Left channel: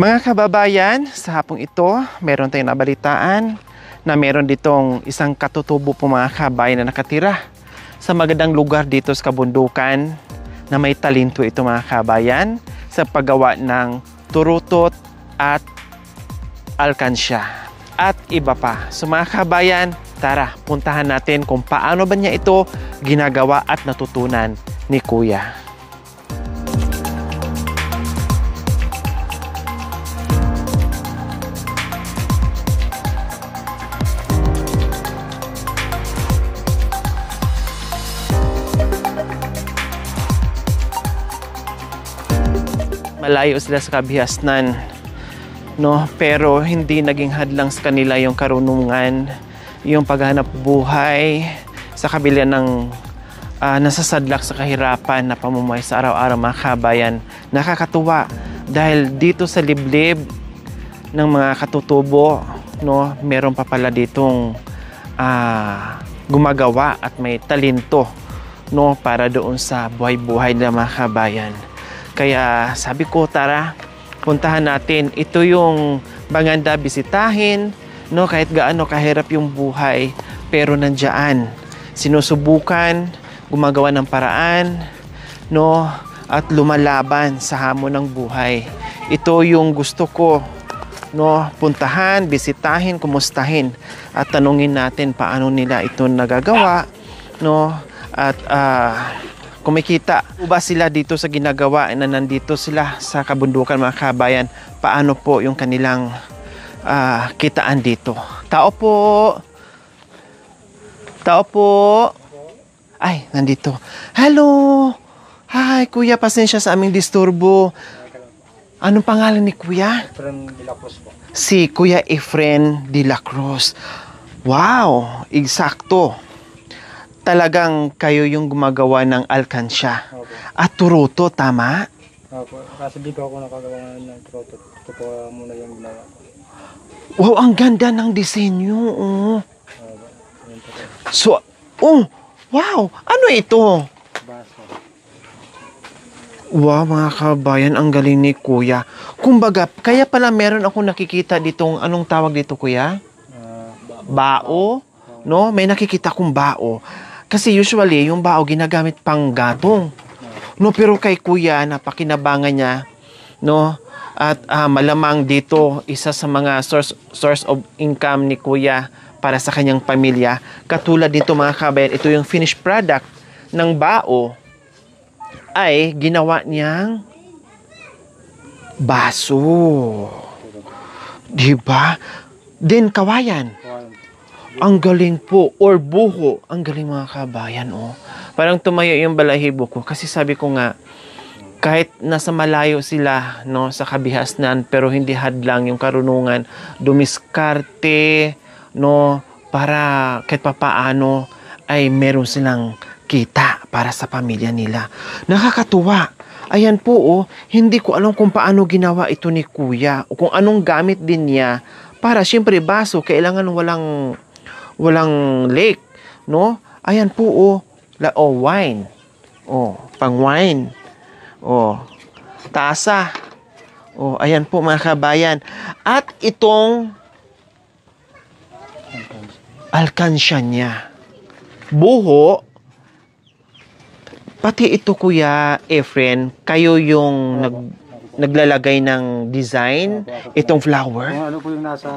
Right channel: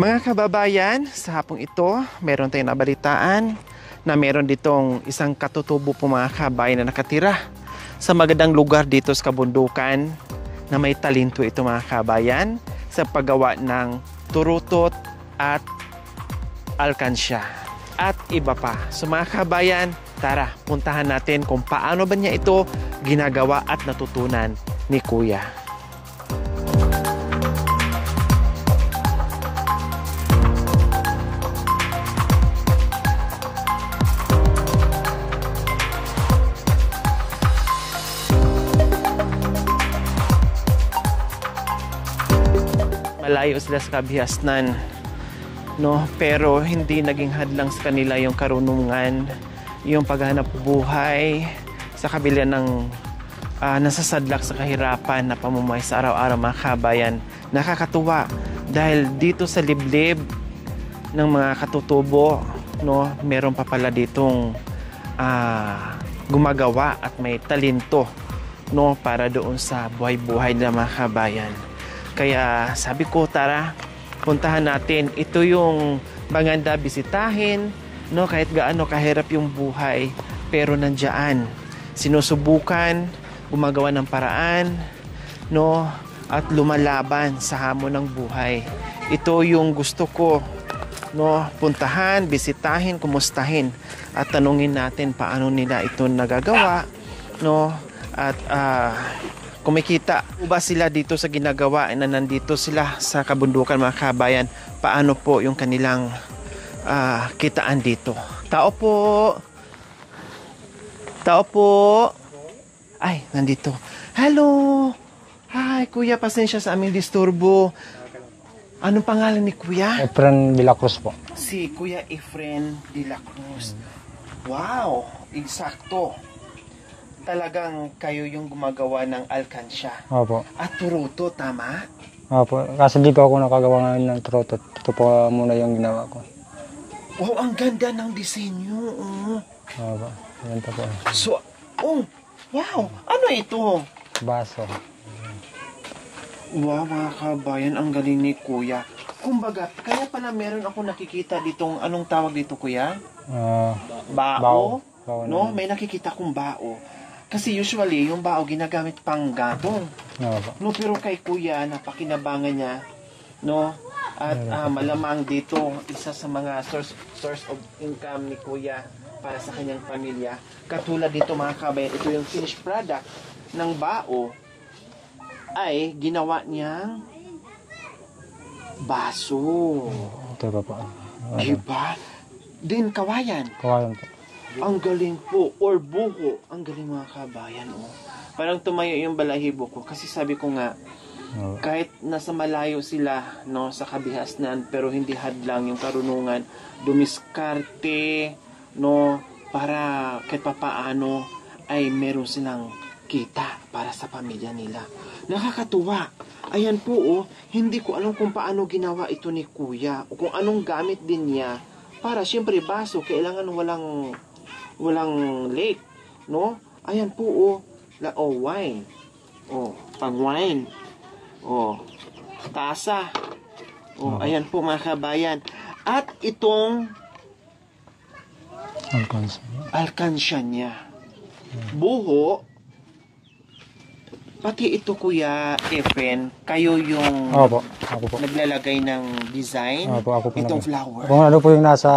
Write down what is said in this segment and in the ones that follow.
Mga kababayan, sa hapong ito, meron tayong nabalitaan na meron ditong isang katutubo po mga kabayan na nakatira sa magandang lugar dito sa kabundukan na may talento ito mga kabayan sa paggawa ng turutot at alkansya at iba pa. So mga kabayan, tara, puntahan natin kung paano ba niya ito ginagawa at natutunan ni Kuya. Malayo sila sa kabihasnan, no? Pero hindi naging hadlang sa kanila yung karunungan, yung paghanap buhay sa kabila ng nasasadlak sa kahirapan na pamumuhay sa araw-araw mga kabayan. Nakakatuwa dahil dito sa liblib ng mga katutubo, no, meron pa pala ditong gumagawa at may talento, no, para doon sa buhay-buhay ng mga kabayan. Kaya sabi ko, tara, puntahan natin. Ito yung maganda bisitahin, no? Kahit gaano kahirap yung buhay, pero nandiyan. Sinusubukan, gumagawa ng paraan, no? At lumalaban sa hamon ng buhay. Ito yung gusto ko, no? Puntahan, bisitahin, kumustahin, at tanungin natin paano nila ito nagagawa, no? At kumikita ba sila dito sa ginagawa na nandito sila sa kabundukan mga kabayan? Paano po yung kanilang kitaan dito? Tao po! Tao po! Ay, nandito. Hello! Hi, Kuya. Pasensya sa aming disturbo. Anong pangalan ni Kuya? Efren de la Cruz po. Si Kuya Efren de la Cruz. Wow! Eksakto. Talagang kayo yung gumagawa ng alkansya. Opo. At turuto, tama? Opo. Kasi di pa ako nakagawa ngayon ng turutot. Ito po muna yung ginawa ko. Wow, ang ganda ng disenyo. Oh. Opo. Yan po po. So, wow! Ano ito? Baso. Wow, mga kabayan, ang galing ni Kuya. Kumbaga, kaya pala meron ako nakikita ditong, anong tawag dito, Kuya? Bao. No? May nakikita kong bao. Kasi usually, yung bao ginagamit pang gatong. No, pero kay Kuya, napakinabangan niya, no? At malamang dito, isa sa mga source of income ni Kuya para sa kanyang pamilya. Katulad dito mga kabayan, ito yung finished product ng bao ay ginawa niyang baso. Diba? Then kawayan. Kawayan po. Ang galing po. Or buho. Ang galing mga kabayan, oh. Parang tumayo yung balahibo ko. Kasi sabi ko nga, kahit nasa malayo sila, no, sa kabihasnan, pero hindi hadlang yung karunungan, dumiskarte, no, para kahit papaano ay meron silang kita para sa pamilya nila. Nakakatuwa. Ayan po, oh, hindi ko alam kung paano ginawa ito ni Kuya o kung anong gamit din niya para siyempre baso, kailangan walang lake, no? Ayan po, wine. Pang wine. Tasa. Ayan po mga kabayan. At itong alkansya niya. Buho. Pati ito, Kuya Efren, kayo yung naglalagay ng design, ako itong flower. Kung ano po yung nasa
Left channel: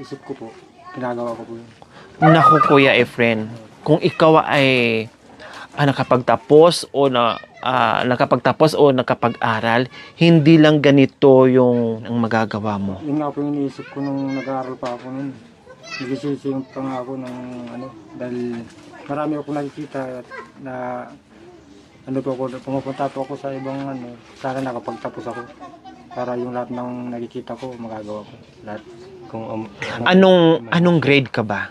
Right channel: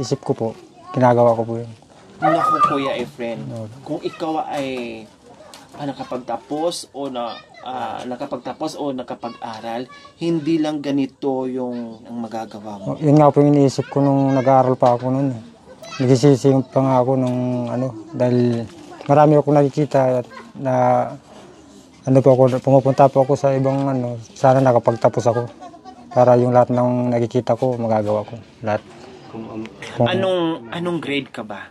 isip ko po, ginagawa ko po yun. Naku, Kuya Efren, kung ikaw ay nakapagtapos o nakapag-aral, hindi lang ganito yung ang magagawa mo. Yun nga po yung iniisip ko nung nag-aaral pa ako noon. Nagsisising pa nga ako nung dahil marami akong nakikita na pumupunta po ako sa ibang sana nakapagtapos ako para yung lahat ng nakikita ko magagawa ko lahat. Anong grade ka ba?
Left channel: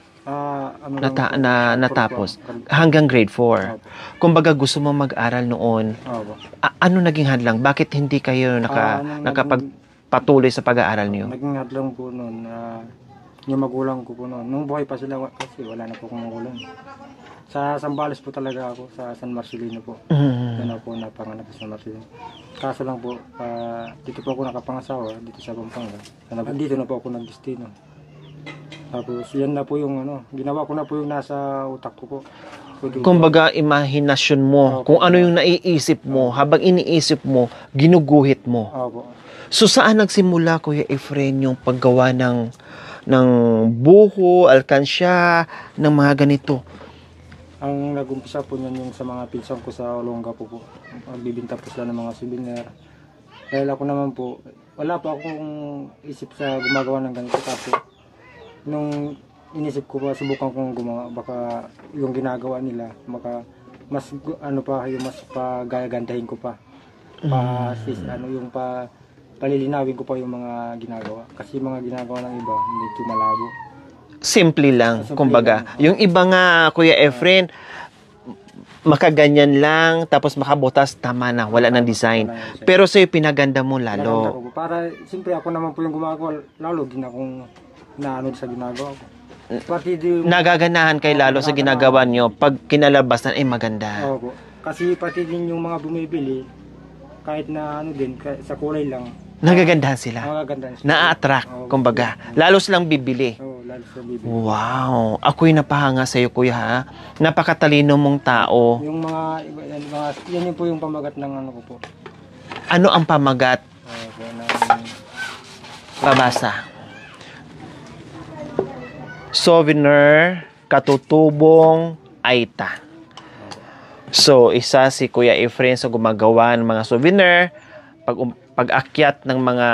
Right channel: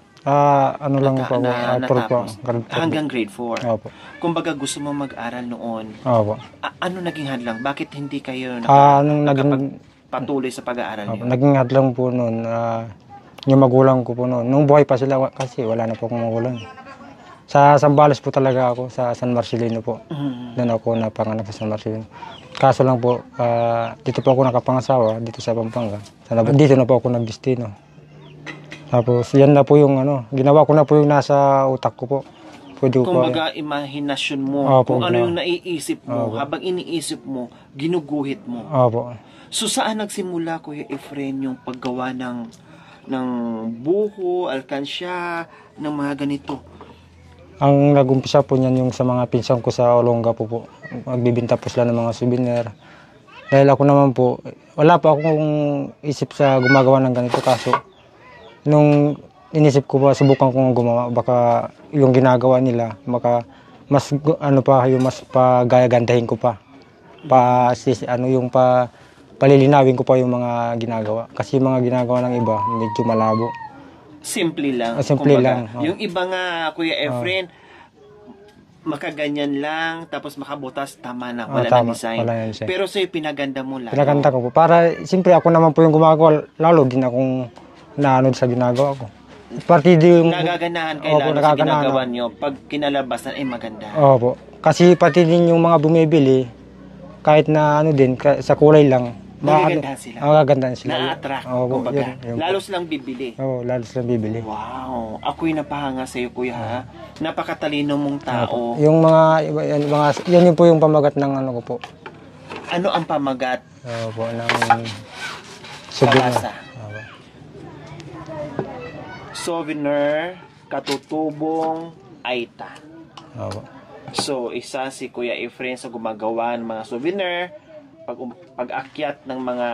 Natapos hanggang grade 4. Kumbaga gusto mo mag-aral noon. Ano naging hadlang? Bakit hindi kayo nakapagpatuloy sa pag-aaral niyo? Naging hadlang po noon yung magulang ko po noon. Nung buhay pa sila kasi wala na po akong magulang. Sa Zambales po talaga ako, sa San Marcelino po. Mm. Doon ako napanganak sa San Marcelino. Kaso lang po, dito po ako nakapangasawa, dito sa Pampanga. Dito na po ako nagdestino. Tapos yan na po yung ginawa ko na po yung nasa utak ko po. Pwede ko Kumbaga, imahinasyon mo Opo, kung ano yung naiisip mo. Habang iniisip mo, ginuguhit mo. Opo. So, saan nagsimula, Kuya Efren, yung paggawa ng buho, alkansya, ng mga ganito? Ang nag-umpisa po niyan yung sa mga pinsan ko sa Olonga po. Magbibinta po sila ng mga souvenir. Dahil ako naman po, wala pa akong isip sa gumagawa ng ganito. Kaso, nung inisip ko pa, subukan kong gumawa. Baka yung ginagawa nila, baka mas, yung mas pagagandahin ko pa. Palilinawin ko pa yung mga ginagawa. Kasi yung mga ginagawa ng iba, medyo malabo. Simple lang, Simple kumbaga. lang, Yung iba nga, Kuya Efren, makaganyan lang, tapos makabutas, tama na, wala ng design. Wala yan siya. Pero sa'yo, pinaganda mo lalo. Pinaganda ko po. Para, siyempre ako naman po yung gumagawa, lalo din akong naanod sa ginagawa ko. Nagaganahan kay lalo sa ginagawa nyo, pag kinalabasan, ay maganda. Opo. Kasi pati din yung mga bumibili, kahit na sa kulay lang, Nagagandahan sila. Nagagandahan sila. Na-attract, Opo, kumbaga. yun. Lalo silang bibili. Oo, lalo silang bibili. Wow. Ako'y napahanga sa'yo, Kuya, ha? Napakatalino mong tao. Yung yan yung po yung pamagat ng ko po. Ano ang pamagat? Opo, ng Pabasa. Souvenir, katutubong, aita. Opo. So, isa si Kuya Efren sa gumagawa ng mga souvenir, pag-akyat ng mga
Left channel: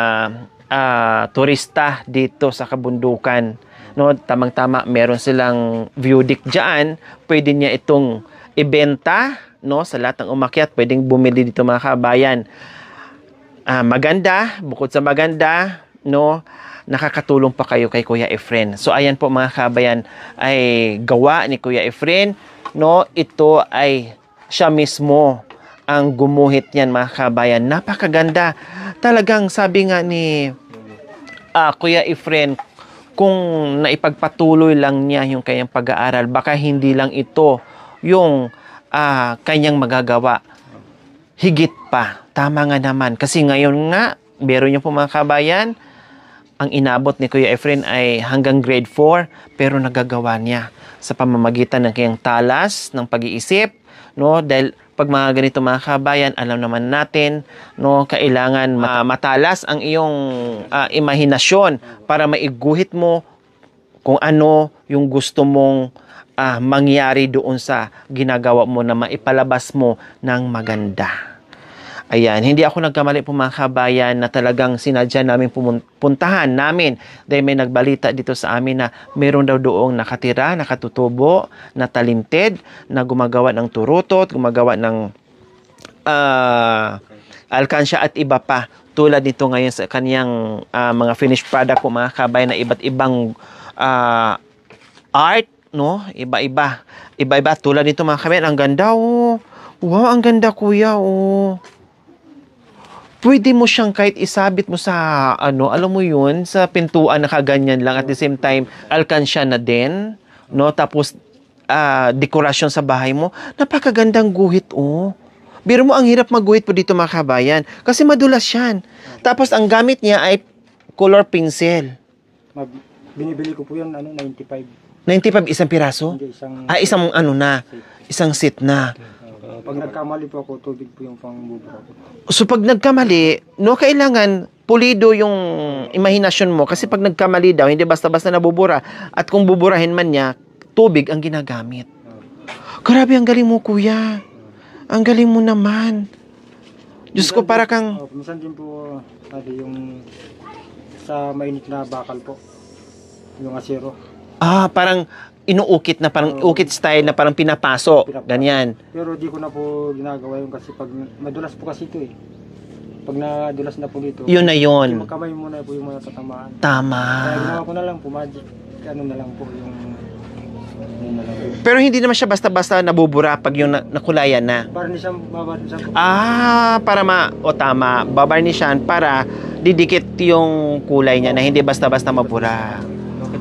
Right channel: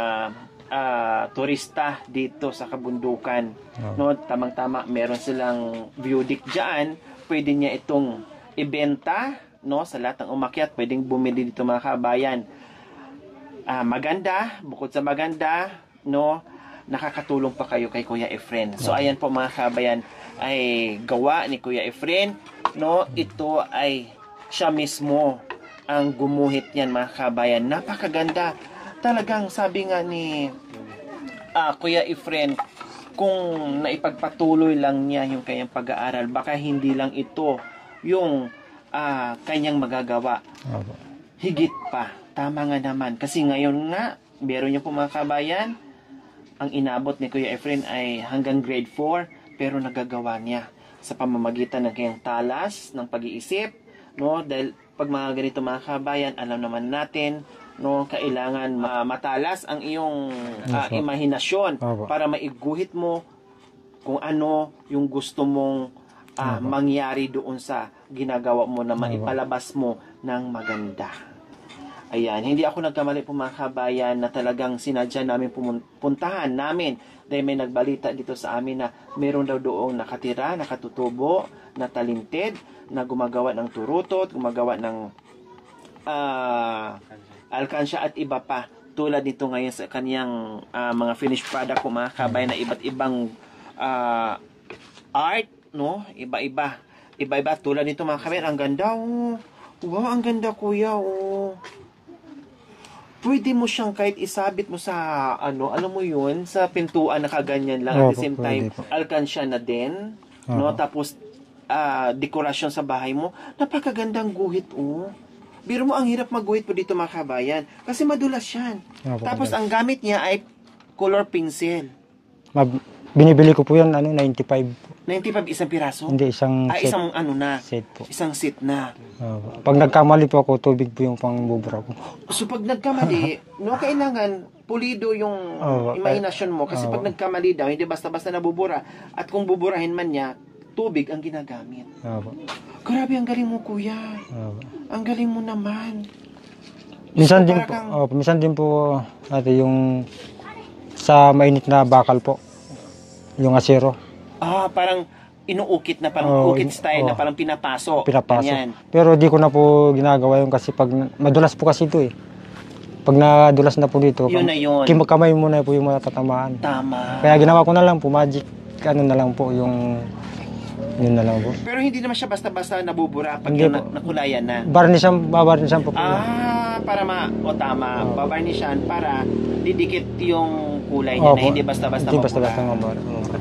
turista dito sa kabundukan. No, tamang-tama, meron silang view deck diyan. Pwede niya itong ibenta, no, sa lahat ng umakyat, pwedeng bumili dito mga kabayan. Maganda, bukod sa maganda, no, nakakatulong pa kayo kay Kuya Efren. So ayan po mga kabayan, ay gawa ni Kuya Efren, no, ito ay siya mismo ang gumuhit niyan mga kabayan. Napakaganda. Talagang sabi nga ni Kuya Efren, kung naipagpatuloy lang niya yung kanyang pag-aaral, baka hindi lang ito yung kanyang magagawa. Higit pa. Tama nga naman. Kasi ngayon nga, meron niyo po mga kabayan, ang inabot ni Kuya Efren ay hanggang grade 4, pero nagagawa niya sa pamamagitan ng kanyang talas, ng pag-iisip, no? Dahil pag mga ganito mga kabayan, alam naman natin, no, kailangan matalas ang iyong imahinasyon para maiguhit mo kung ano yung gusto mong mangyari doon sa ginagawa mo na maipalabas mo ng maganda. Ayan, hindi ako nagkamali po mga kabayan na talagang sinadya namin puntahan namin dahil may nagbalita dito sa amin na meron daw doong nakatira, nakatutubo, na talented, na gumagawa ng turutot, gumagawa ng alkansya at iba pa. Tulad nito ngayon sa kaniyang mga finished product po mga kabayan na iba't ibang art, no? Iba-iba. Iba-iba. Tulad nito mga kabayan, ang ganda, oh. Wow, ang ganda, kuya, oh. Pwede mo siyang kahit isabit mo sa, alam mo yun, sa pintuan na kaganyan lang. At the same time, alkansya na din. No? Tapos, dekorasyon sa bahay mo. Napakagandang guhit, oh. Biro mo, ang hirap magguhit po dito mga kabayan. Kasi madulas yan. Tapos, ang gamit niya ay color pencil. Binibili ko po yan, 95. 95 isang piraso? Hindi, isang isang set po. Isang set na. Pag nagkamali po ako, tubig po yung pangbubura ko. So pag nagkamali, no, kailangan pulido yung imahinasyon mo. Kasi pag nagkamali daw, hindi basta-basta nabubura. At kung buburahin man niya, tubig ang ginagamit. Grabe, ang galing mo, kuya. Ang galing mo naman. Diyos ko, para kang... minsan din po natin yung sa mainit na bakal po. Yung asero. Parang inuukit na, parang ukit style na parang pinapaso. Ganyan. Pero di ko na po ginagawa yun kasi pag madulas po kasi ito eh. Pag nadulas na po dito, yun na yun. Kamay mo na po yung matatamaan. Tama. Kaya ginawa ko na lang po, magic, na lang po yung, yun na lang po. Pero hindi naman siya basta-basta nabubura pag yung nakulayan na. Babarnishan po. Para tama. Babarnishan para didikit yung kulay niya na hindi basta-basta mabura.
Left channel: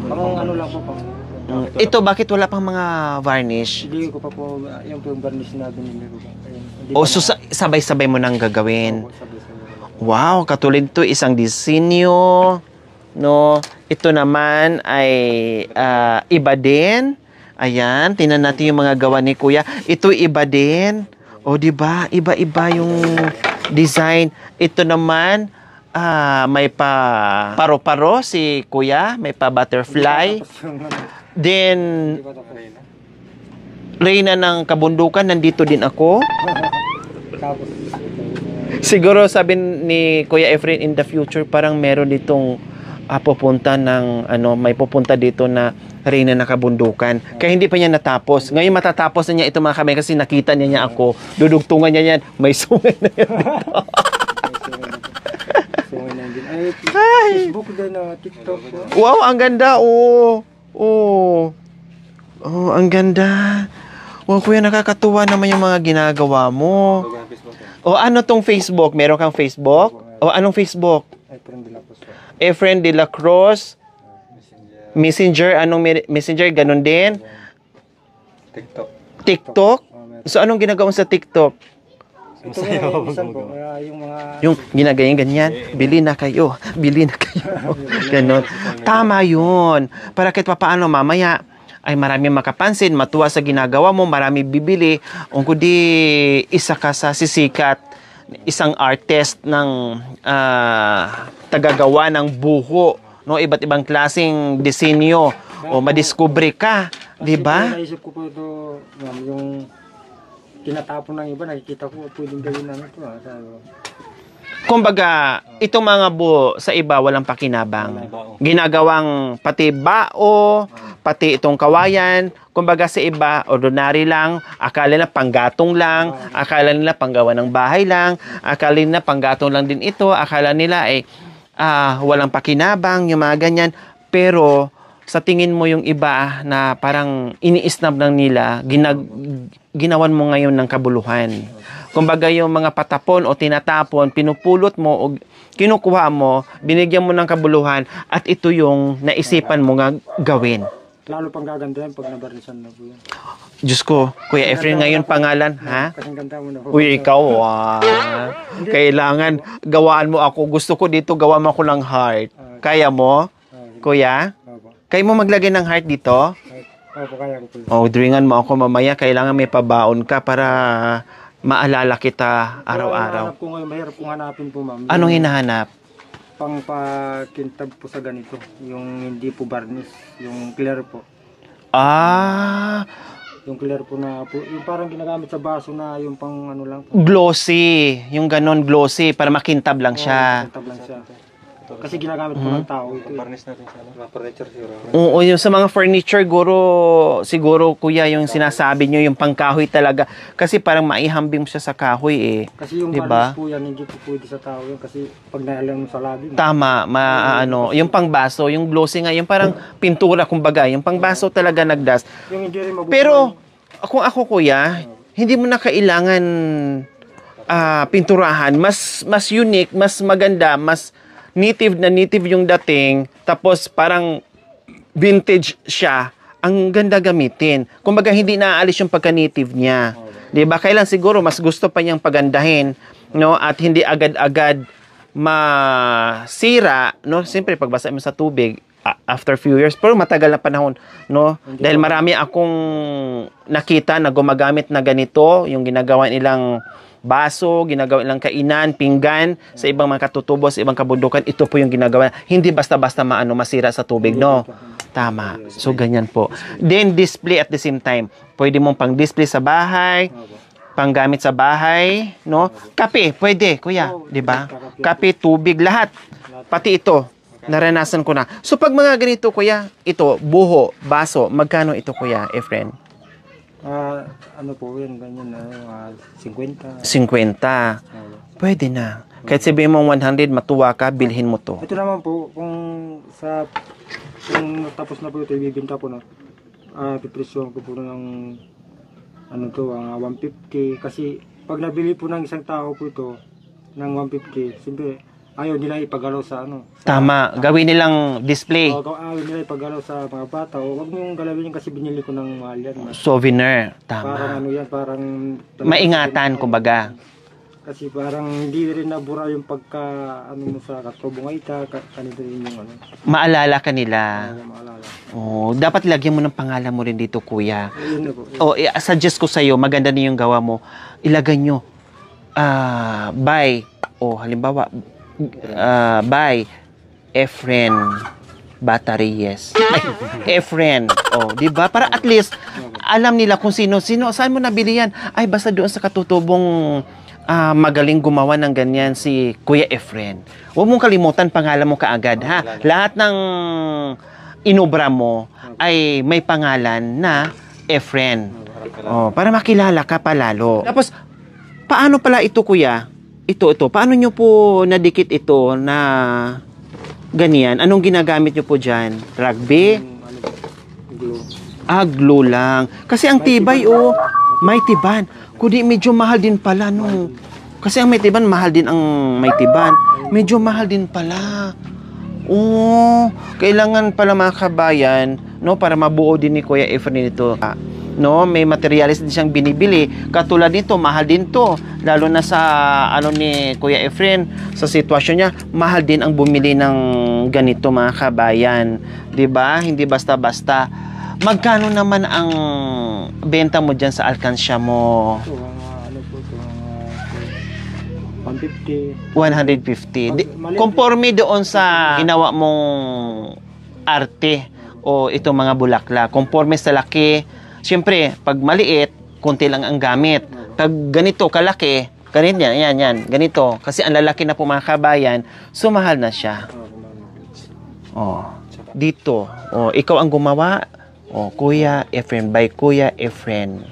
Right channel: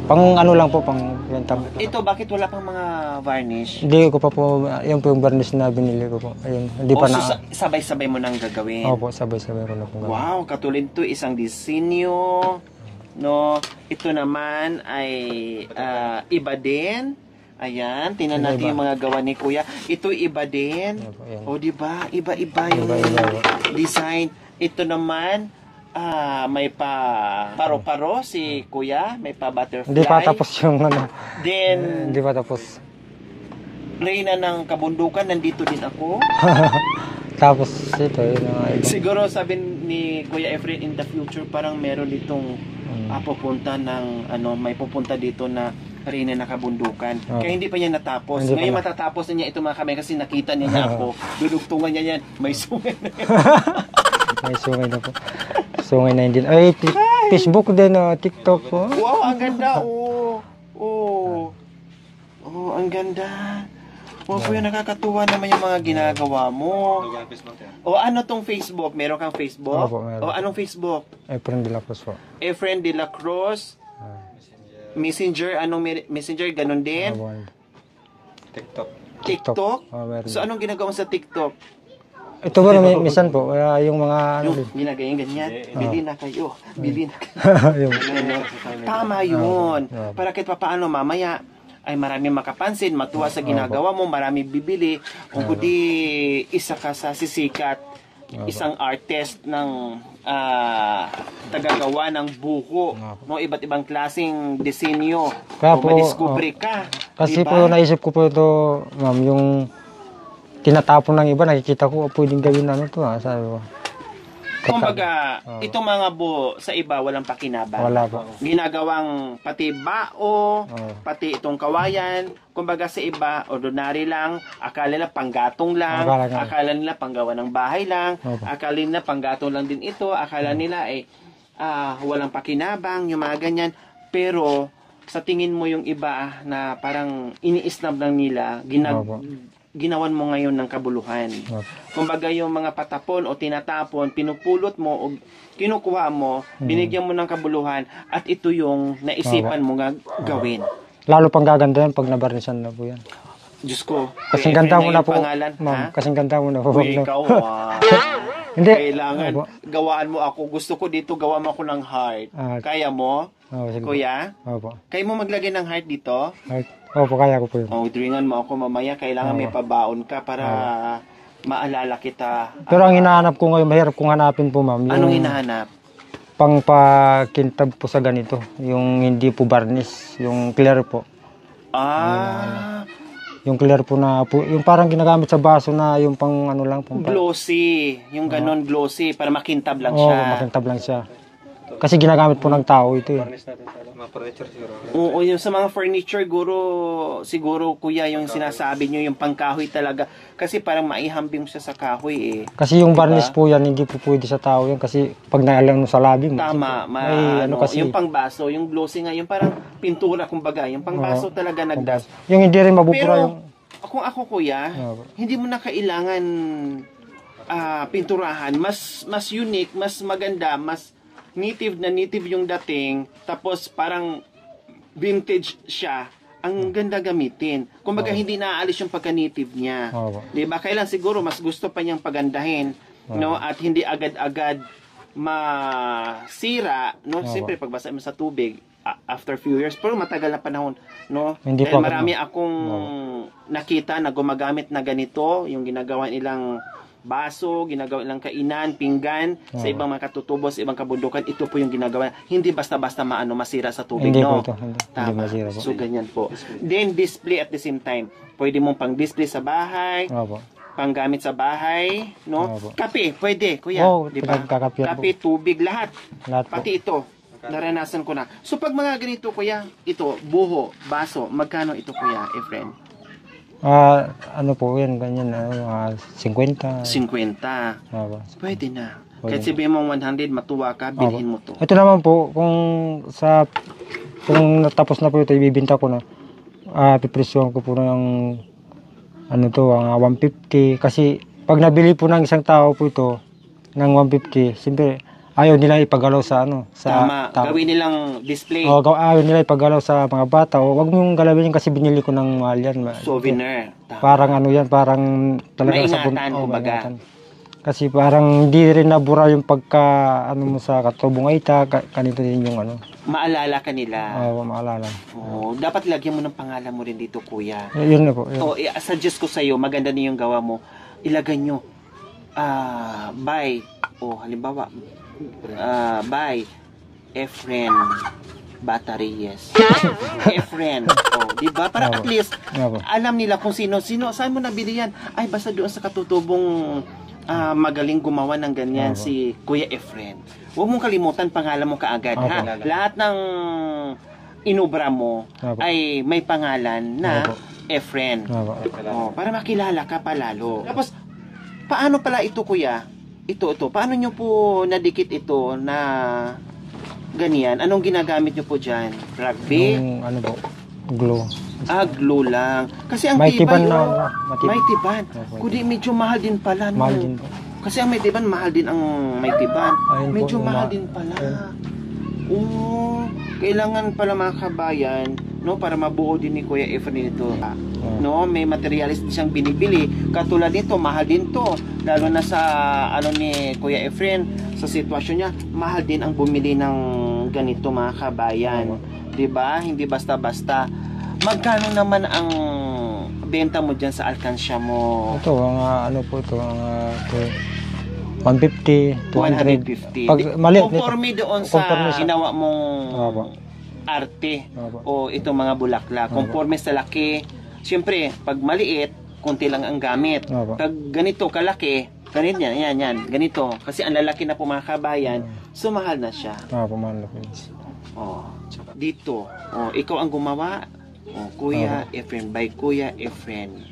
Pang lang po, pang benta ko. Ito, bakit wala pang mga varnish? Hindi ko pa po, yun po yung varnish na binili ko po. Ayun, hindi O, pa so sabay-sabay mo nang gagawin? Opo, sabay-sabay ko na po. Wow, katulad to, isang disenyo. No, ito naman ay iba din. Ayan, tingnan natin yung mga gawa ni Kuya. Ito iba din. O, di ba? Iba-iba yung design. Ito naman, may pa paro-paro si Kuya, may pa Hindi pa butterfly. tapos yung ano. Then, Hindi pa tapos. Reyna ng Kabundukan, nandito din ako. Tapos ito, yun. Siguro sabi ni Kuya Efren, in the future, parang meron ditong pupunta ng, may pupunta dito na Reyna ng Kabundukan. Kaya hindi pa niya natapos. Ngayon matatapos na niya ito mga kamay kasi nakita niya ako. Dudugtungan niya yan. May sungay na yan. May sungay na po. Sungay na din. Ay, Facebook din, TikTok po. Wow, ang ganda. Oh, ang ganda. Wow, Kuya, nakakatuwa naman yung mga ginagawa mo. O, ano tong Facebook? Meron kang Facebook? Opo, meron. O, anong Facebook? Efren de la Cruz po. Efren de la Cruz. Messenger. Anong Messenger? Ganon din? TikTok? Meron. So, anong ginagawa mo sa TikTok? Ito po, minsan po, yung mga... Yung ginagayan ganyan, bili na kayo. Ganon. Tama yun. Para kahit papaano mamaya, ay marami makapansin, matuwa sa ginagawa mo, marami bibili. Kung kundi isa ka sa sisikat, isang artist ng tagagawa ng buho, no, iba't ibang klaseng disenyo, Kaya o po, madiskubre ka, Kasi di po, ba? naisip ko po ito, ma'am, yung tinatapon ng iba, nakikita ko, pwedeng gawin namin ito, sabi ko. Kumbaga, itong mga buho sa iba walang pakinabang. Wala po. Ginagawang pati bao, pati itong kawayan. Kumbaga sa iba, ordinary lang, akala nila panggatong lang, akala nila panggawa ng bahay lang, akala nila panggatong lang din ito, akala nila ay walang pakinabang, yung mga ganyan. Pero sa tingin mo yung iba na parang ini-snub lang nila, ginawan mo ngayon ng kabuluhan. Kumbaga yung mga patapon o tinatapon, pinupulot mo o kinukuha mo, binigyan mo ng kabuluhan at ito yung naisipan mo nga gawin. Lalo pang gaganda yan pag nabarnisan na po yan. Diyos ko, Kuya Efren ngayon pangalan, ha? Kasing ganda mo na po. Uy, ikaw, Hindi. kailangan gawaan mo ako. Gusto ko dito, gawa mo ako ng heart. Kaya mo? Sige. Kuya? Opo. Kaya mo maglagay ng heart dito? Opo, kaya ko po yun. O, dringan mo ako mamaya. Kailangan may pabaon ka para maalala kita. Pero ang araw-araw. hinahanap ko ngayon, mahirap kong hanapin po, ma'am. Anong hinahanap? Pangpakintab po sa ganito. Yung hindi po varnish, yung clear po. Yung clear po na po, yung parang ginagamit sa baso na yung pang ano lang po. Glossy. Yung ganon glossy para makintab lang siya. Makintab lang siya. Kasi ginagamit po ng tao ito eh. Oo, yung sa mga furniture, siguro kuya, yung sinasabi nyo, yung pangkahoy talaga. Kasi parang maihambing siya sa kahoy eh. Kasi yung Diba? varnish po yan, hindi po pwede sa tao yan. Kasi pag naalang mo sa labi mo. Tama, kasi- yung pangbaso, yung glossy nga, yung parang pintura kumbaga, yung pangbaso talaga nagdas. Yung hindi rin mabubura. Pero kung ako kuya, hindi mo na kailangan pinturahan, mas unique, mas maganda, mas native yung dating, tapos parang vintage siya, ang ganda gamitin. Kumbaga hindi naaalis yung pagka-native niya. 'Di ba? Kailan siguro mas gusto pa niyang pagandahin, no? At hindi agad-agad masira, no? Siyempre pagbasa mo sa tubig after few years, pero matagal na panahon, no? Hindi Dahil pa- marami akong nakita na gumagamit na ganito, yung ginagawa nilang baso, ginagawa nilang kainan, pinggan, sa ibang mga katutubo, sa ibang kabundukan, ito po yung ginagawa. Hindi basta-basta masira sa tubig, Hindi no? po ito. Hindi Tama. masira po. So, ganyan po. Then, display at the same time. Pwede mong pang-display sa bahay, Opo. panggamit sa bahay, no? Opo. Kape, pwede, kuya. Oo, di ba? pinagkakapehan Kape, tubig, lahat. Lahat po. Pati ito, naranasan ko na. So, pag mga ganito, kuya, ito, buho, baso, magkano ito, kuya, Efren? Ano po yan, ganyan, 50. 50. Opo. Pwede na. Kahit sabihin mo 100, matuwa ka, bilhin mo to. Ito naman po, kung natapos na po ito, ibibinta ko na, pipresyohan ko po ng, ang 150. Kasi, pag nabili po ng isang tao po ito, ng 150, siyempre, ayaw nila ipagalaw sa Tama, gawin nilang display. Ayaw nila ipagalaw sa mga bata. O wag mong galawin yan kasi binili ko ng mahal yan. Souvenir. Tama. Parang yan, parang maingatan, kumbaga. Kasi parang hindi rin nabura yung pagka mo sa katubong ay kanito din yung Maalala ka nila. Maalala. Dapat lagyan mo ng pangalan mo rin dito, kuya. Yun na po. Suggest ko sa'yo, maganda na yung gawa mo. Ilagay nyo, by, halimbawa, by Efren Batariyes. Efren. Di ba? Para at least, alam nila kung sino, saan mo nabili yan? Ay, basta doon sa katutubong magaling gumawa ng ganyan si Kuya Efren. Huwag mong kalimutan pangalan mo kaagad, ha? Lahat ng inobra mo ay may pangalan na Efren. Para makilala ka palalo. Tapos, paano pala ito, kuya? Ito. Paano nyo po nadikit ito na ganyan? Anong ginagamit nyo po dyan? Rugby? Glue. Glue lang. Kasi ang tibay, may tiban. Kundi medyo mahal din pala, no? Kasi ang may tiban, mahal din ang may tiban. Medyo mahal din pala. Kailangan pala mga kabayan, no, para mabuo din ni Kuya Efren ito. No, may materialis din siyang binibili. Katulad nito, mahal din to. Lalo na sa ni Kuya Efren, sa sitwasyon niya, mahal din ang bumili ng ganito mga kabayan. 'Di ba? Hindi basta-basta. Magkano naman ang benta mo diyan sa alkansya mo? Ito, po ito, 150. 150. Conforme doon sa ginawa mong arte o itong mga bulaklak. Conforme sa laki. Siyempre, pag maliit, konti lang ang gamit. Pag ganito, kalaki, yan, ganito. Kasi ang lalaki na po mga kabayan, sumahal na siya. Dito, ikaw ang gumawa, Kuya Efren, by Kuya Efren.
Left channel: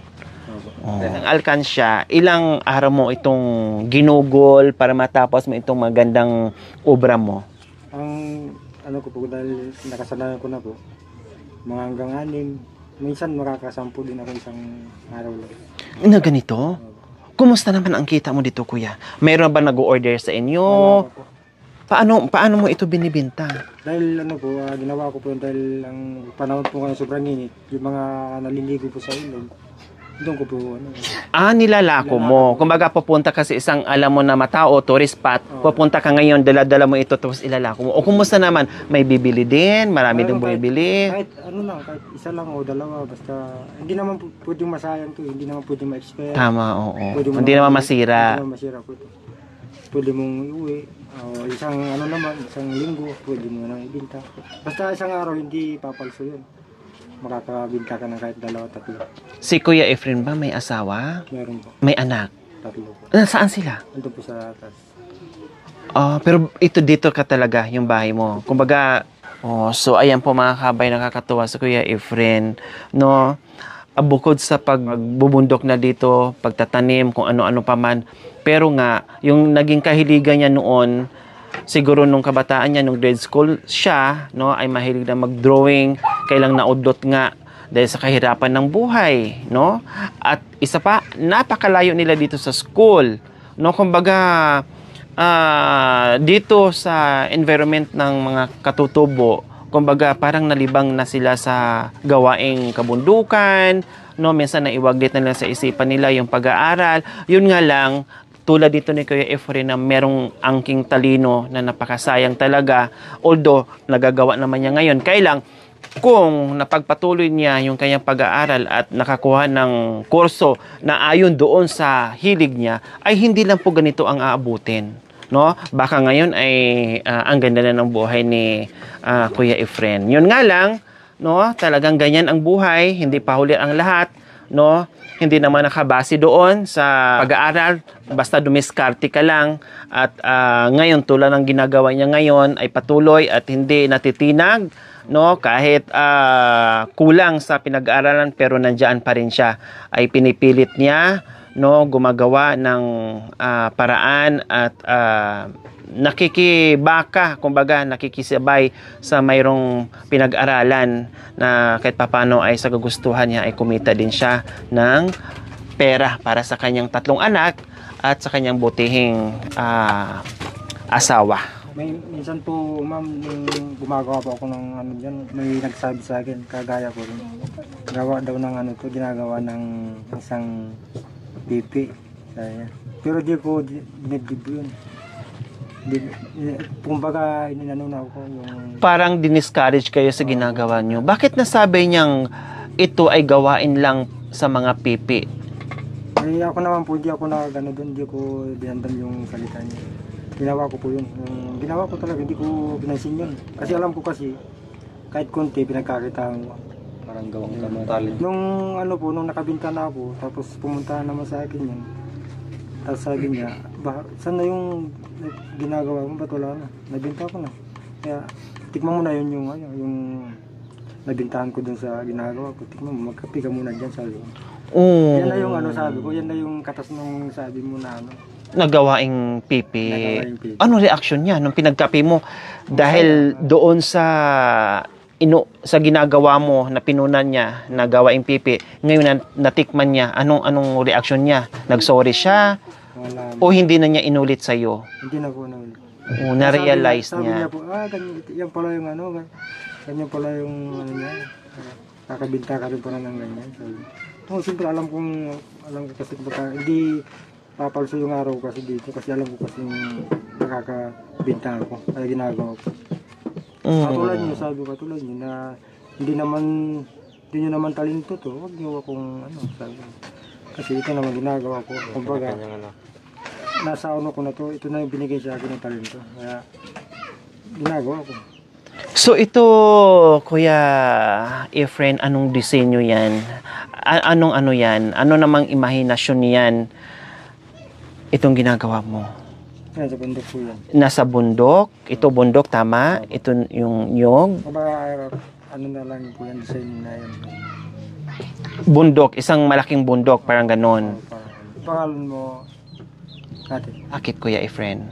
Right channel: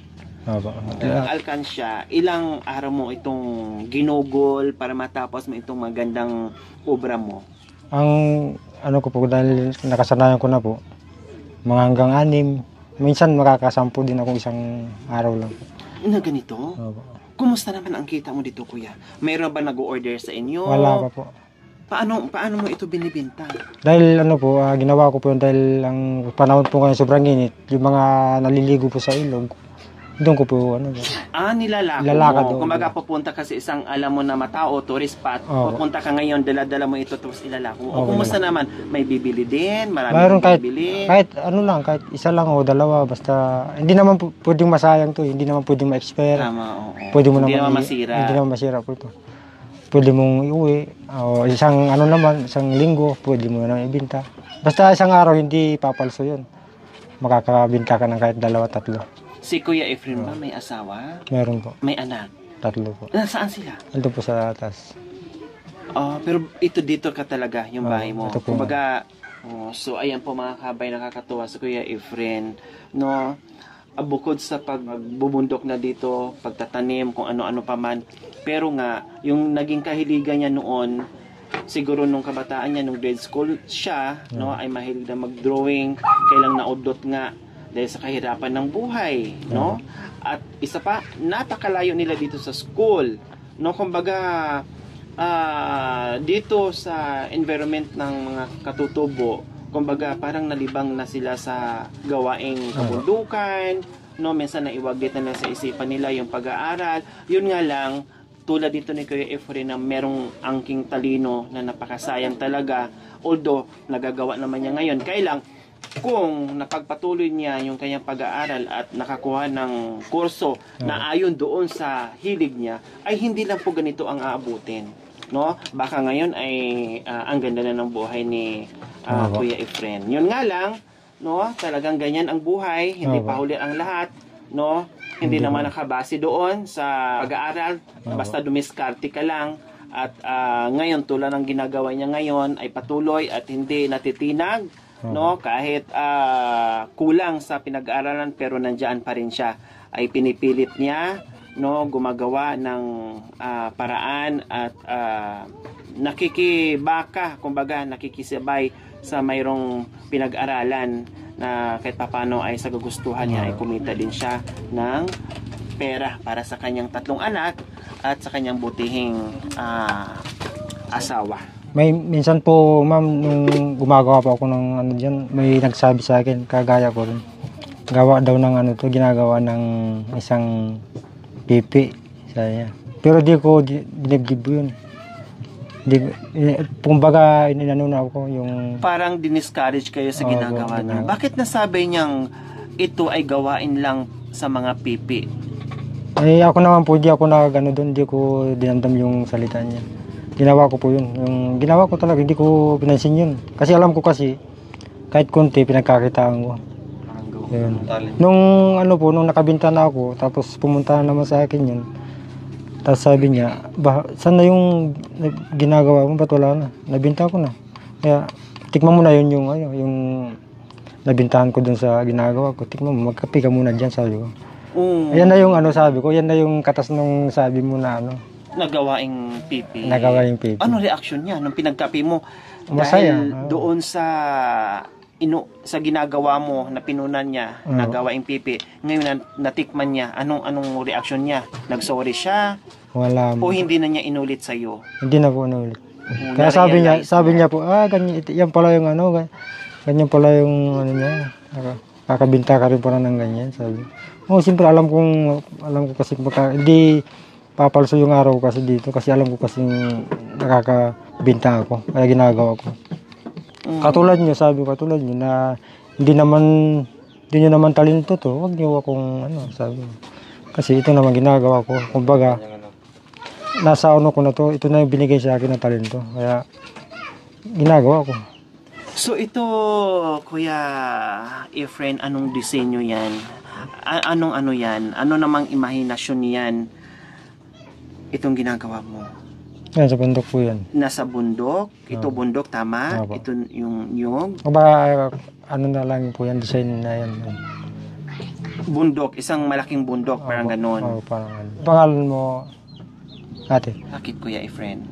Ang alkansya, ilang araw mo itong ginugol para matapos mo itong magandang obra mo? Ang ko po, dahil nakasanayan ko na po, mga hanggang 6. Minsan makakasampu din ako isang araw lang. Na ganito? Kumusta naman ang kita mo dito, kuya? Mayroon ba nag-order sa inyo? Wala pa po. Paano mo ito binibenta? Dahil ginawa ko po yun dahil ang panahon po ngayon sobrang init. Yung mga naliligo po sa ilog, doon ko po nilalako mo. Kumbaga pupunta kasi isang alam mo na matao, tourist spot, pupunta ka ngayon, dala-dala mo ito tapos ilalako mo. O kumusta naman? May bibili din? Marami nang bibili? Kahit kahit isa lang o dalawa, basta hindi naman pwedeng masayang to, hindi naman pwedeng ma-expire. Tama, oo. Hindi naman masira. Hindi naman masira po ito. Pwede mong iuwi, o isang isang linggo, pwede mo na ibenta. Basta isang araw, hindi papalso yun. Makakabinta ka ng kahit 2-3. Si Kuya Efren ba may asawa? Meron po. May anak? 3 po. Saan sila? Ando po sa atas. Pero dito ka talaga, yung bahay mo. Kumbaga, so ayan po mga kabay, nakakatuwa sa Kuya Efren, no? Bukod sa pagbubundok na dito, pagtatanim, kung ano-ano pa man, pero nga, yung naging kahiligan niya noon, siguro nung kabataan niya, nung grade school siya, no, ay mahilig na mag-drawing, kailang naudlot nga dahil sa kahirapan ng buhay, no? At isa pa, napakalayo nila dito sa school, no? Kumbaga, dito sa environment ng mga katutubo, kumbaga parang nalibang na sila sa gawaing kabundukan, no? Minsan naiwaglit na nila sa isipan nila yung pag-aaral. Yun nga lang, tulad dito ni Kuya Efren na merong angking talino na napakasayang talaga, although nagagawa naman niya ngayon. Kailang kung napagpatuloy niya yung kanyang pag-aaral at nakakuha ng kurso na ayon doon sa hilig niya, ay hindi lang po ganito ang aabutin, no? Baka ngayon ay ang ganda na ng buhay ni Kuya Efren. Yun nga lang, no? Talagang ganyan ang buhay, hindi pa huli ang lahat, no? Hindi naman nakabase doon sa pag-aaral, basta dumiskarte ka lang. At ngayon, tulad ng ginagawa niya ngayon, ay patuloy at hindi natitinag, no? Kahit kulang sa pinag-aaralan, pero nandiyan pa rin siya. Ay pinipilit niya, no? Gumagawa ng paraan at nakikibaka, kumbaga nakikisabay sa mayroong pinag-aralan na kahit papano ay sa gugustuhan niya ay kumita din siya ng pera para sa kanyang 3 anak at sa kanyang butihing asawa? Minsan po, ma'am, nung gumagawa po ako ng ano dyan, may nagsabi sa akin, kagaya ko rin. Gawa daw ng ano to, ginagawa ng isang pipi. Sabi niya. Pero di ko dinibdib yun. Kumbaga, ininanuna ko yung... Parang diniscourage kayo sa ginagawa niyo. Bakit nasabi niyang ito ay gawain lang sa mga pipi? Eh, ako naman po, di ako nakagano doon, di ko dinamdam yung salita niya. Ginawa ko po yun. Yung ginawa ko talaga, hindi ko pinansin yun. Kasi alam ko kasi, kahit konti, pinagkakitaan ko. Parang gawa ko ng talent. Nung ano po, nung nakabinta na ako, tapos pumunta naman sa akin yun. Tapos sabi niya, saan na yung ginagawa mo? Ba't wala na? Nabinta ko na. Kaya, tikman mo na yun yung nabintahan ko dun sa ginagawa ko. Tikman mo, magkape ka muna dyan, sabi ko. Yan na yung ano sabi ko, yan na yung katas nung sabi mo na ano. Nagawaing pipi. Nagawaing pipi. Ano reaction niya nung pinagkape mo? Dahil doon sa ginagawa mo na pinunan niya, nagawaing pipi, ngayon natikman niya, anong reaction niya? Nagsorry siya? Wala. O hindi na niya inulit sa iyo? Hindi na po inulit. Na-realize sabi niya po, ganyan, yan pala yung ano, ganyan pala yung ano niya. Kakabinta ka rin pala ng ganyan, sabi. Siyempre alam ko kasi hindi papalso yung araw kasi dito kasi alam ko kasi nakakabinta ako, kaya ginagawa ko. Katulad niyo, sabi ko, katulad niyo na hindi niyo naman talento to, wag niyo akong ano, sabi. Kasi ito naman ginagawa ko, kumbaga, nasa ano ko na to, ito na yung binigay sa akin ng talento, kaya ginagawa ko. So ito, Kuya Efren, anong disenyo yan? Anong ano yan? Ano namang imahinasyon niyan? Itong ginagawa mo? Sa bundok po yan. Nasa bundok? Ito bundok, tama? Opo. Ito yung nyog? O ba, ano na lang po yan, design na yan. Bundok, isang malaking bundok, parang ganon. Parang pangalan mo, ate? Bakit, Kuya Efren?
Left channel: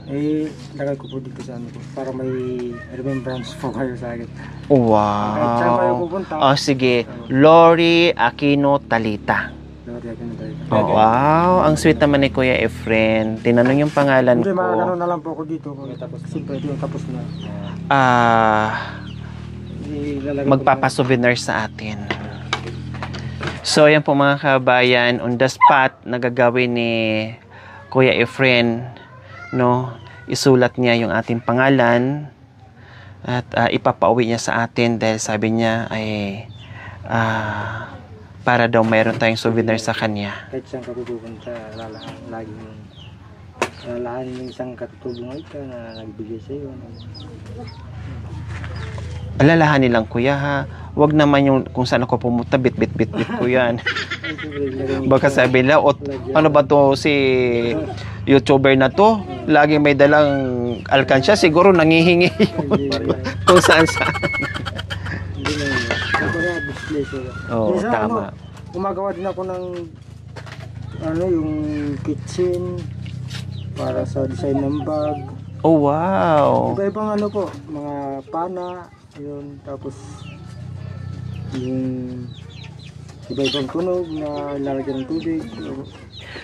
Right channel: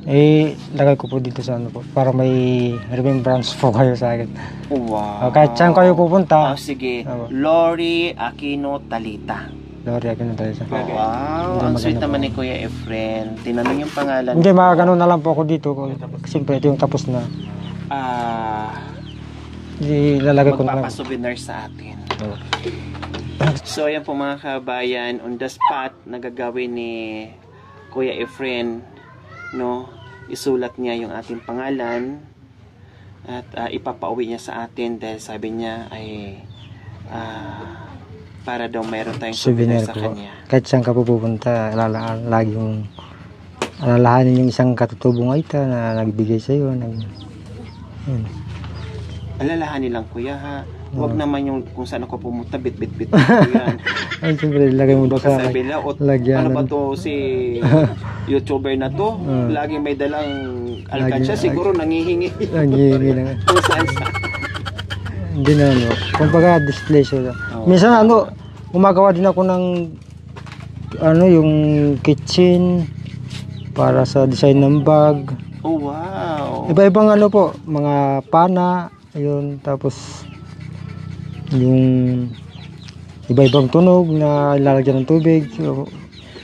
Lagay ko po dito sa ano po, para may remembrance po kayo sa akin. Wow. Kahit saan kayo pupunta. Sige. Lori Aquino Talita. Lori Aquino Talita. Wow, ang sweet naman ni Kuya Efren. Tinanong yung pangalan Hindi, ko. makakano na lang po ako dito. Siyempre, ito yung tapos na. Ilalagay ko na. Magpapasouvenir sa atin. So, yan po mga kabayan, on the spot, nagagawin ni Kuya Efren, no? Isulat niya yung ating pangalan at ipapauwi niya sa atin dahil sabi niya ay para daw mayroon tayong souvenir sa kanya. Kahit saan ka pupunta, laging alalahanin yung isang katutubong aita na nagbigay sa iyo. Alalahanin lang, Kuya, ha? Huwag naman yung kung saan ako pumunta, bit ko yan. Ay, siyempre, lagay mo Baka sabi nila, ano ba to si YouTuber na to? Lagi may dalang alkansya, siguro nangihingi. Kung saan. Hindi na, no? Kumbaga, display siya. Minsan, gumagawa din ako ng, yung kitchen, para sa design ng bag. Oh, wow. Iba-ibang po, mga pana, ayun, tapos, yung iba-ibang tunog na ilalagyan ng tubig.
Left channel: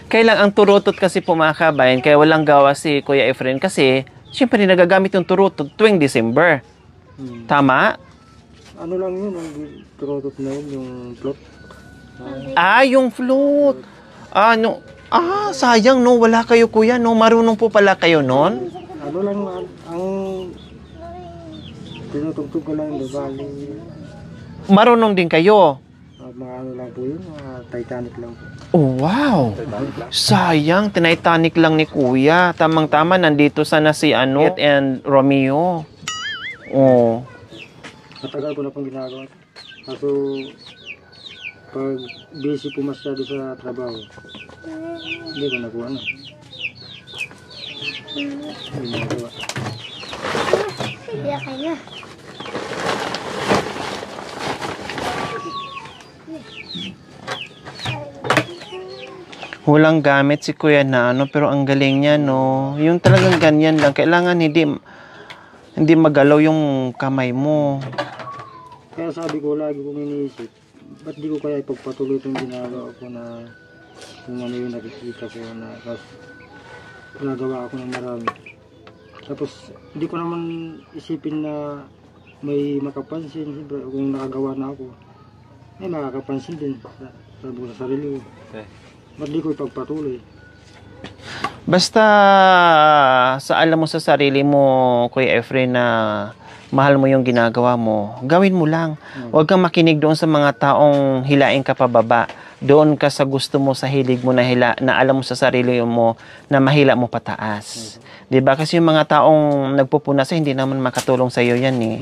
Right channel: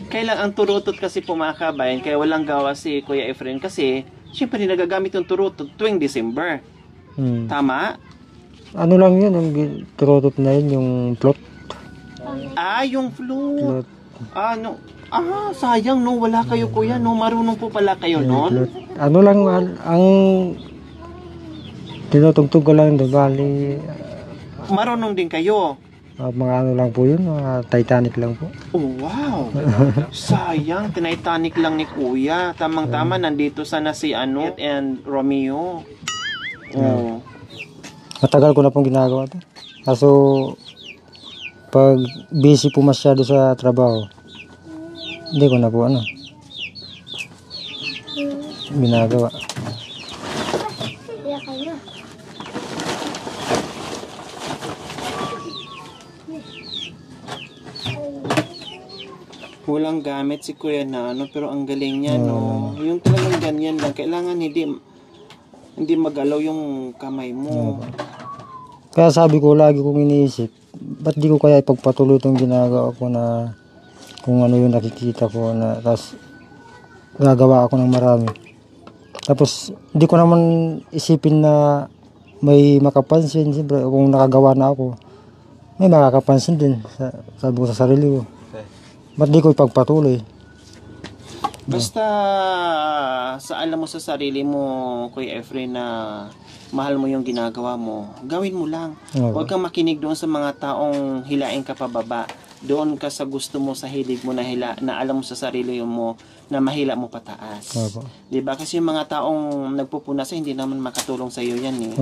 Kailang ang turutot kasi po mga kabayan, kaya walang gawa si Kuya Efren kasi siyempre nagagamit yung turutot tuwing December. Tama? Ano lang yun, ang turutot na yun, yung float. Yung float. Sayang no, wala kayo Kuya, no, marunong po pala kayo noon. Ano lang, ang tinutugtog ko lang doon, bali. Marunong din kayo? Mga ano lang po yun, mga Titanic lang po. Oh, wow. Sayang, Titanic lang ni Kuya. Tamang-tama, nandito sana si and Romeo. Oh. Matagal ko na pong ginagawa ito. Kaso, pag busy po masyado sa trabaho, hindi ko na po ginagawa. Walang gamit si Kuya na pero ang galing niya, no? Yung talagang ganyan lang. Kailangan hindi magalaw yung kamay mo. Kaya sabi ko, lagi kong iniisip, ba't di ko kaya ipagpatuloy itong ginagawa ko na kung ano yung nakikita ko na tapos gagawa ako ng marami. Tapos hindi ko naman isipin na may makapansin. Siyempre kung nakagawa na ako, may makakapansin din sa sarili ko. Ba't di ko ipagpatuloy? Basta sa alam mo sa sarili mo, Kuya Efren, na mahal mo yung ginagawa mo, gawin mo lang. Huwag kang makinig doon sa mga taong hilain ka pababa. Doon ka sa gusto mo, sa hilig mo na alam mo sa sarili mo na mahila mo pataas. 'Di ba? Kasi yung mga taong nagpupunas hindi naman makatulong sa iyo 'yan eh.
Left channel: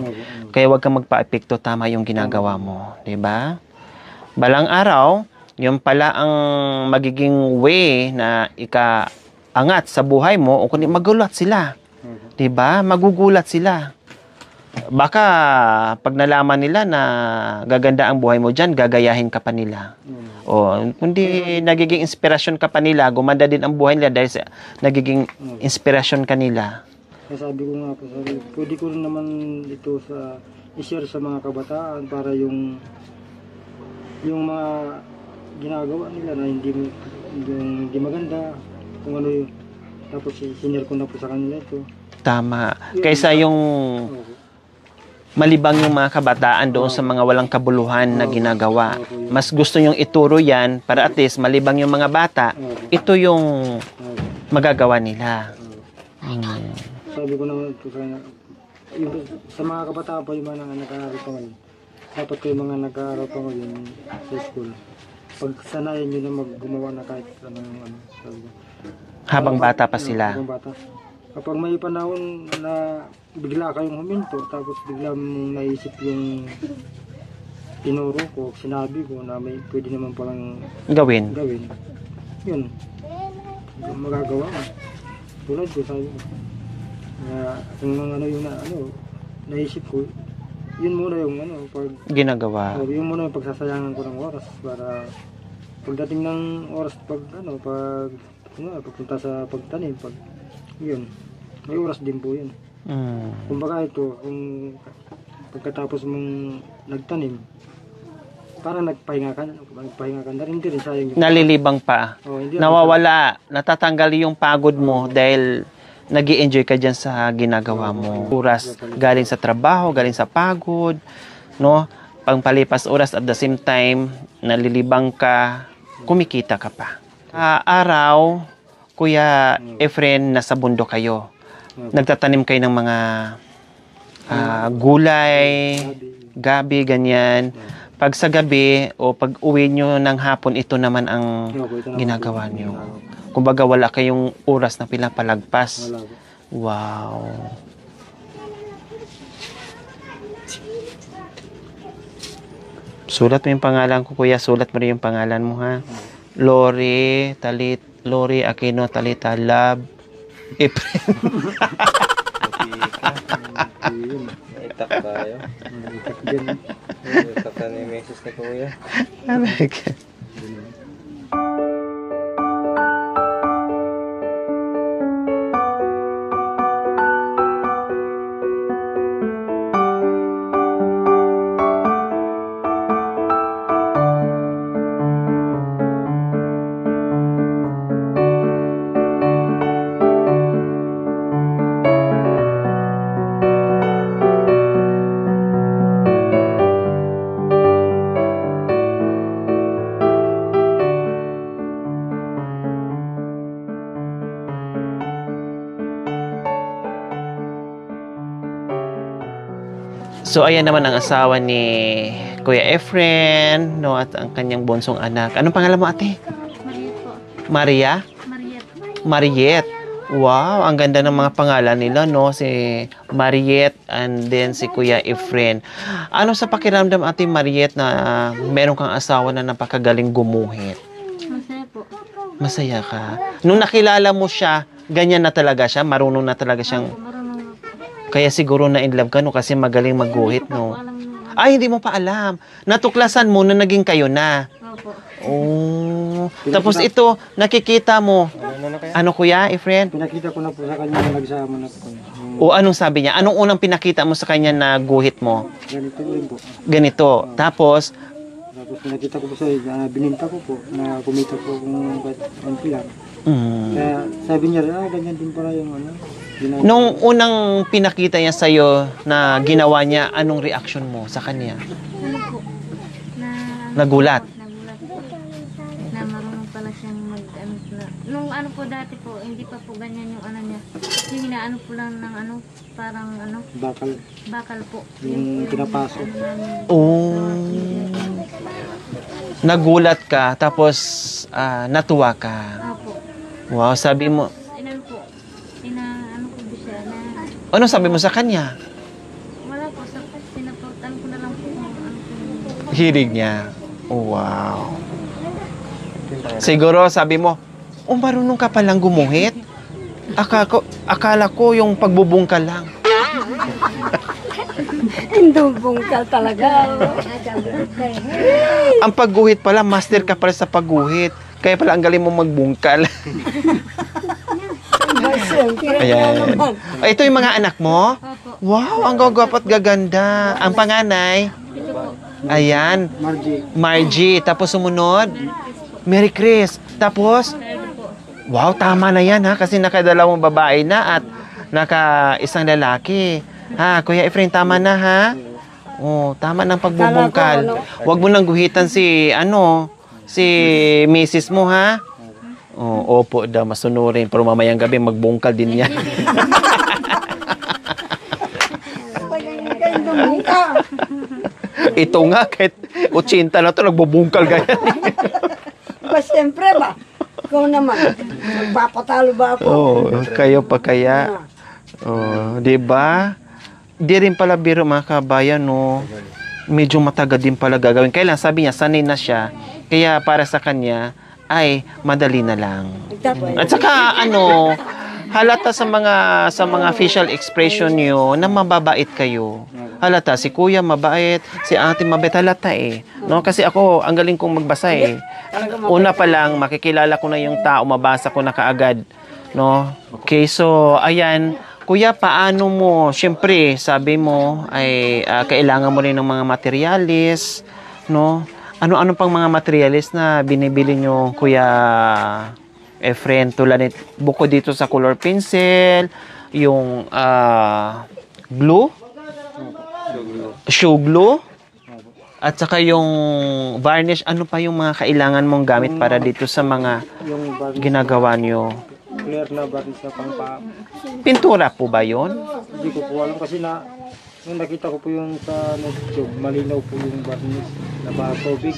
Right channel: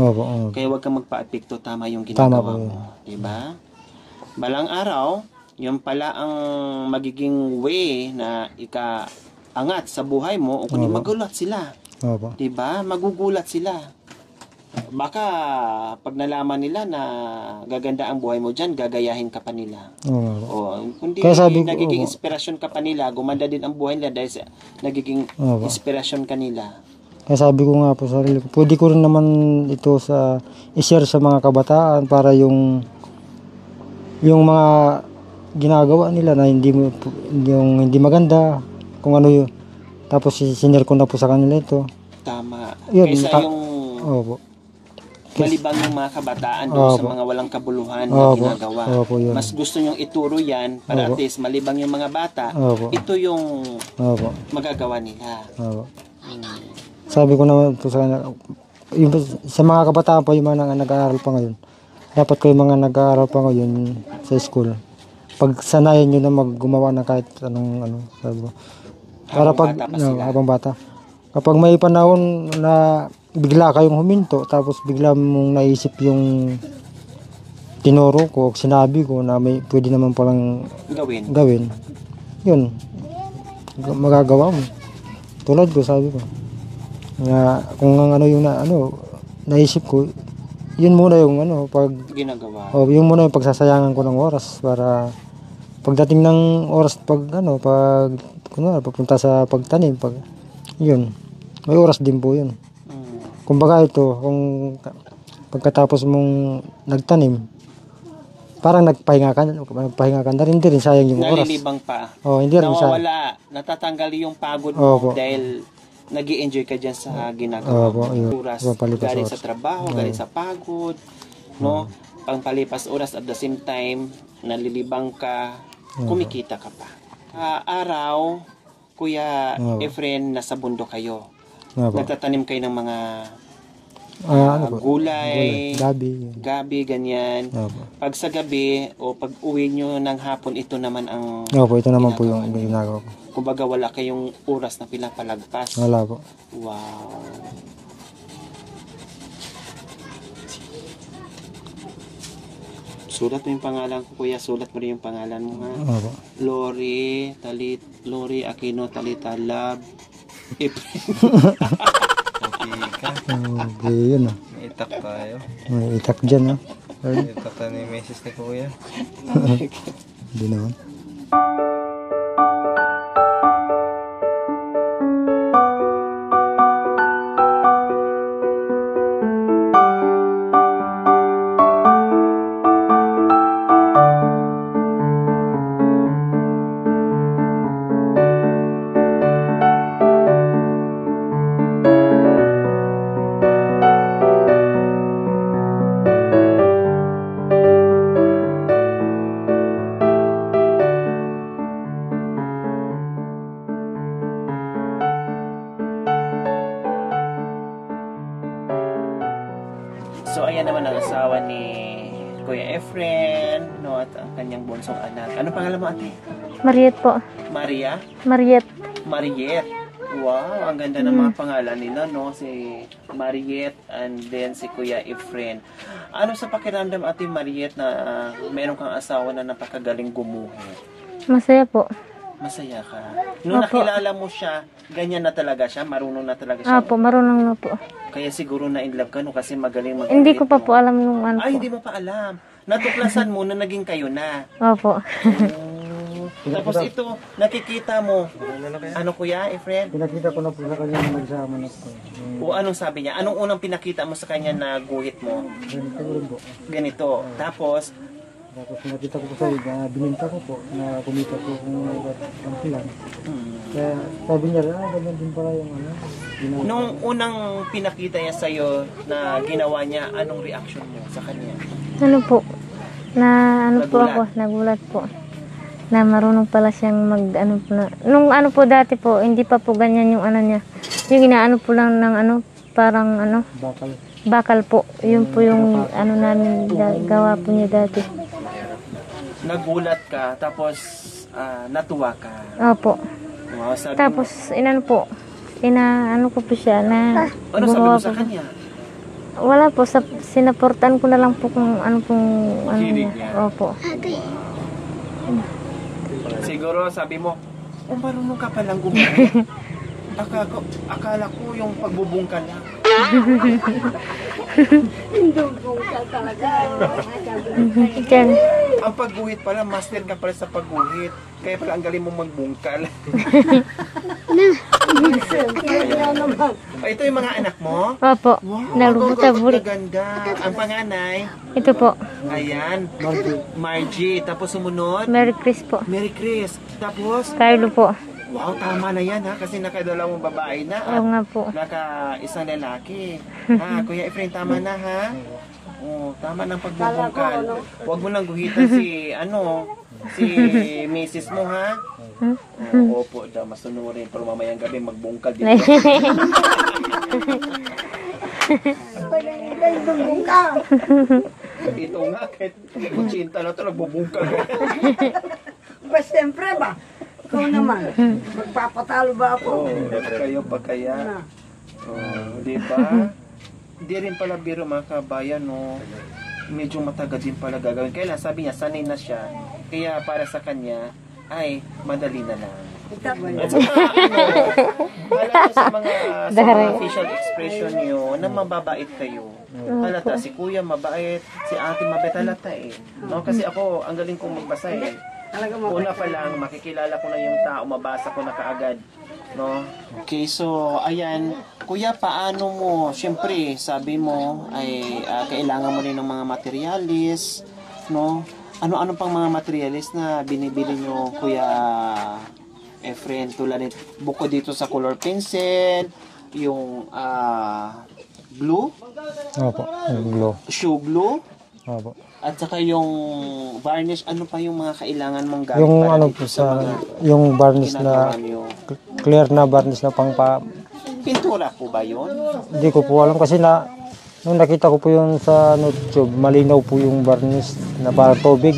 Kaya huwag kang magpa-epekto, tama yung ginagawa mo, 'di ba? Balang araw, yung pala ang magiging way na ikaangat sa buhay mo, o kundi magulat sila. 'Di ba? Magugulat sila. Baka pag nalaman nila na gaganda ang buhay mo diyan, gagayahin ka pa nila. Kundi nagiging inspirasyon ka pa nila, gumanda din ang buhay nila dahil sa nagiging inspirasyon ka nila. Kaya sabi ko nga po sa sarili ko, pwede ko rin naman ito i-share sa mga kabataan para yung mga ginagawa nila na hindi maganda, kung ano yun. Tapos sinare ko na po sa kanila ito. Tama. Kaysa yung malibang yung mga kabataan doon sa mga walang kabuluhan na ginagawa. Mas gusto nyong ituro yan para at least malibang yung mga bata, ito yung magagawa nila. Sabi ko naman po sa kanya, sa mga kabataan pa yung mga nag-aaral pa ngayon, dapat kayo mga nag-aaral pa ngayon sa school, pagsanayan nyo na gumawa ng kahit anong sabi ko. Habang bata pa sila. Habang bata. Kapag may panahon na bigla kayong huminto, tapos bigla mong naisip yung tinuro ko, sinabi ko na may pwede naman palang gawin. Yun. Magagawa mo. Tulad ko, sabi ko. Kung yung naisip ko, yun muna yung pag ginagawa. Yun muna yung pagsasayangan ko ng oras para pagdating ng oras pagpunta sa pagtanim, yun. May oras din po yun. Kumbaga ito, kung pagkatapos mong nagtanim, parang nagpahinga ka na rin, sayang yung nalilibang oras. Pa. Nawawala, natatanggal yung pagod mo dahil nag-i-enjoy ka dyan sa ginagawa mo. Oras galing sa trabaho, galing sa pagod, no? Pangpalipas oras at the same time, nalilibang ka, kumikita ka pa. Araw, Kuya Efren, nasa bundok kayo. Nagtatanim kayo ng mga gulay, gabi, ganyan. Pag sa gabi o pag uwi nyo ng hapon, ito naman ang ginagawa nyo. Kumbaga wala kayong oras na pinapalagpas. Wala po. Wow. Sulat mo yung pangalan ko, Kuya. Sulat mo rin yung pangalan mo, ha? Lori Aquino Talita Love Efren. Yun ah. May itak tayo. May itak dyan ah. May itak na ni Mrs. na Kuya. Hindi naman. So, ayan naman ang asawa ni Kuya Efren, no, at ang kanyang bonsong anak. Anong pangalan mo, ate? Mariet po. Maria? Mariet. Wow, ang ganda ng mga pangalan nila, no? Si Mariet and then si Kuya Efren. Ano sa pakiramdam, ate Mariet, na meron kang asawa na napakagaling gumuhit? Masaya po. Masaya ka. Nung nakilala mo siya, ganyan na talaga siya? Marunong na talaga siyang... Opo, marunong na po. Kaya siguro na in love ka, no? Kasi magaling magguhit, Hindi ko pa po alam yung ano. Ay, hindi mo pa alam. Natuklasan mo na naging kayo na. Opo. Oh. Tapos ito, nakikita mo. Ano, Kuya Efren? Pinakita ko na po sa kanya na nagsama na po. O anong sabi niya? Anong unang pinakita mo sa kanya na guhit mo? Ganito rin po. Ganito. Tapos, Tapos nakita ko po sa bininta ko po, na kumita po kung kahit konti lang. Kaya sabi niya, ganyan din pala yung ano. Nung unang pinakita niya sa'yo na ginawa niya, anong reaction mo sa kanya? Ano po? Nagulat? Nagulat po. Na marunong pala siyang mag-ano po na. Nung ano po dati po, hindi pa po ganyan yung ano niya. Yung inaano po lang ng ano, parang ano, bakal po. Yun po yung ano namin gawa po niya dati. Nagulat ka, tapos natuwa ka. Opo. Wow, sabi mo. Tapos, inano po, ano ko po siya na... Ano sabi mo sa kanya? Wala po, sinaportan ko na lang po kung ano pong... Hilig niya? Opo. Oh, wow. Siguro sabi mo, marunong ka palang gumuhit? Akala ko yung pagbubungkal lang. Bungkal talaga. Ang pagguhit pala, master ka pala sa pagguhit. Kaya pala ang galing mo magbungkal. Ayan. Ito yung mga anak mo? Opo. Wow, ang gagawat gaganda. Ang panganay? Ito po. Ayan. Margie. Tapos sumunod? Merry Chris po. Mary Chris. Tapos? Carlo po. Wow, tama na yan ha. Kasi nakadalawang babae na at Oo nga po. naka-isang lalaki. Ha, Kuya Efrain, tama na ha? Oh, tama ng pagbubungkal. Huwag mo nang guhitan si Mrs. mo ha? Oh, opo daw, masunurin. Pero mamayang gabi, magbungkal din yan. Ito nga, kahit 80 na ito, nagbubungkal ganyan. Pues siyempre ba? Ikaw naman, magpapatalo ba ako? Oh, kayo pa kaya. Oh, 'di ba? Di rin pala biro mga kabayan, no. Medyo matagal din pala gagawin. Kaya lang, sabi niya, sanay na siya. Kaya para sa kanya, ay madali na lang. At saka halata sa mga facial expression niyo na mababait kayo. Halata si Kuya mabait, si Ate mabait, halata eh. No, kasi ako ang galing kong magbasa eh. Una pa lang makikilala ko na yung tao, mabasa ko na kaagad, no? Okay, so ayan, Kuya, paano mo? Syempre, sabi mo ay kailangan mo rin ng mga materialis, no? Ano-ano pang mga materialis na binibili nyo, Kuya Efren, tulad nito, bukod dito sa color pencil, yung glue, Opo, glue. shoe glue, Opo. at saka yung varnish, ano pa yung mga kailangan mong gamit Yung para dito sa mga yung varnish ginagawa na, nyo? clear na varnish na Pintura po ba yun? Hindi ko po alam kasi nung nakita ko po yung sa YouTube, malinaw po yung varnish na para tubig.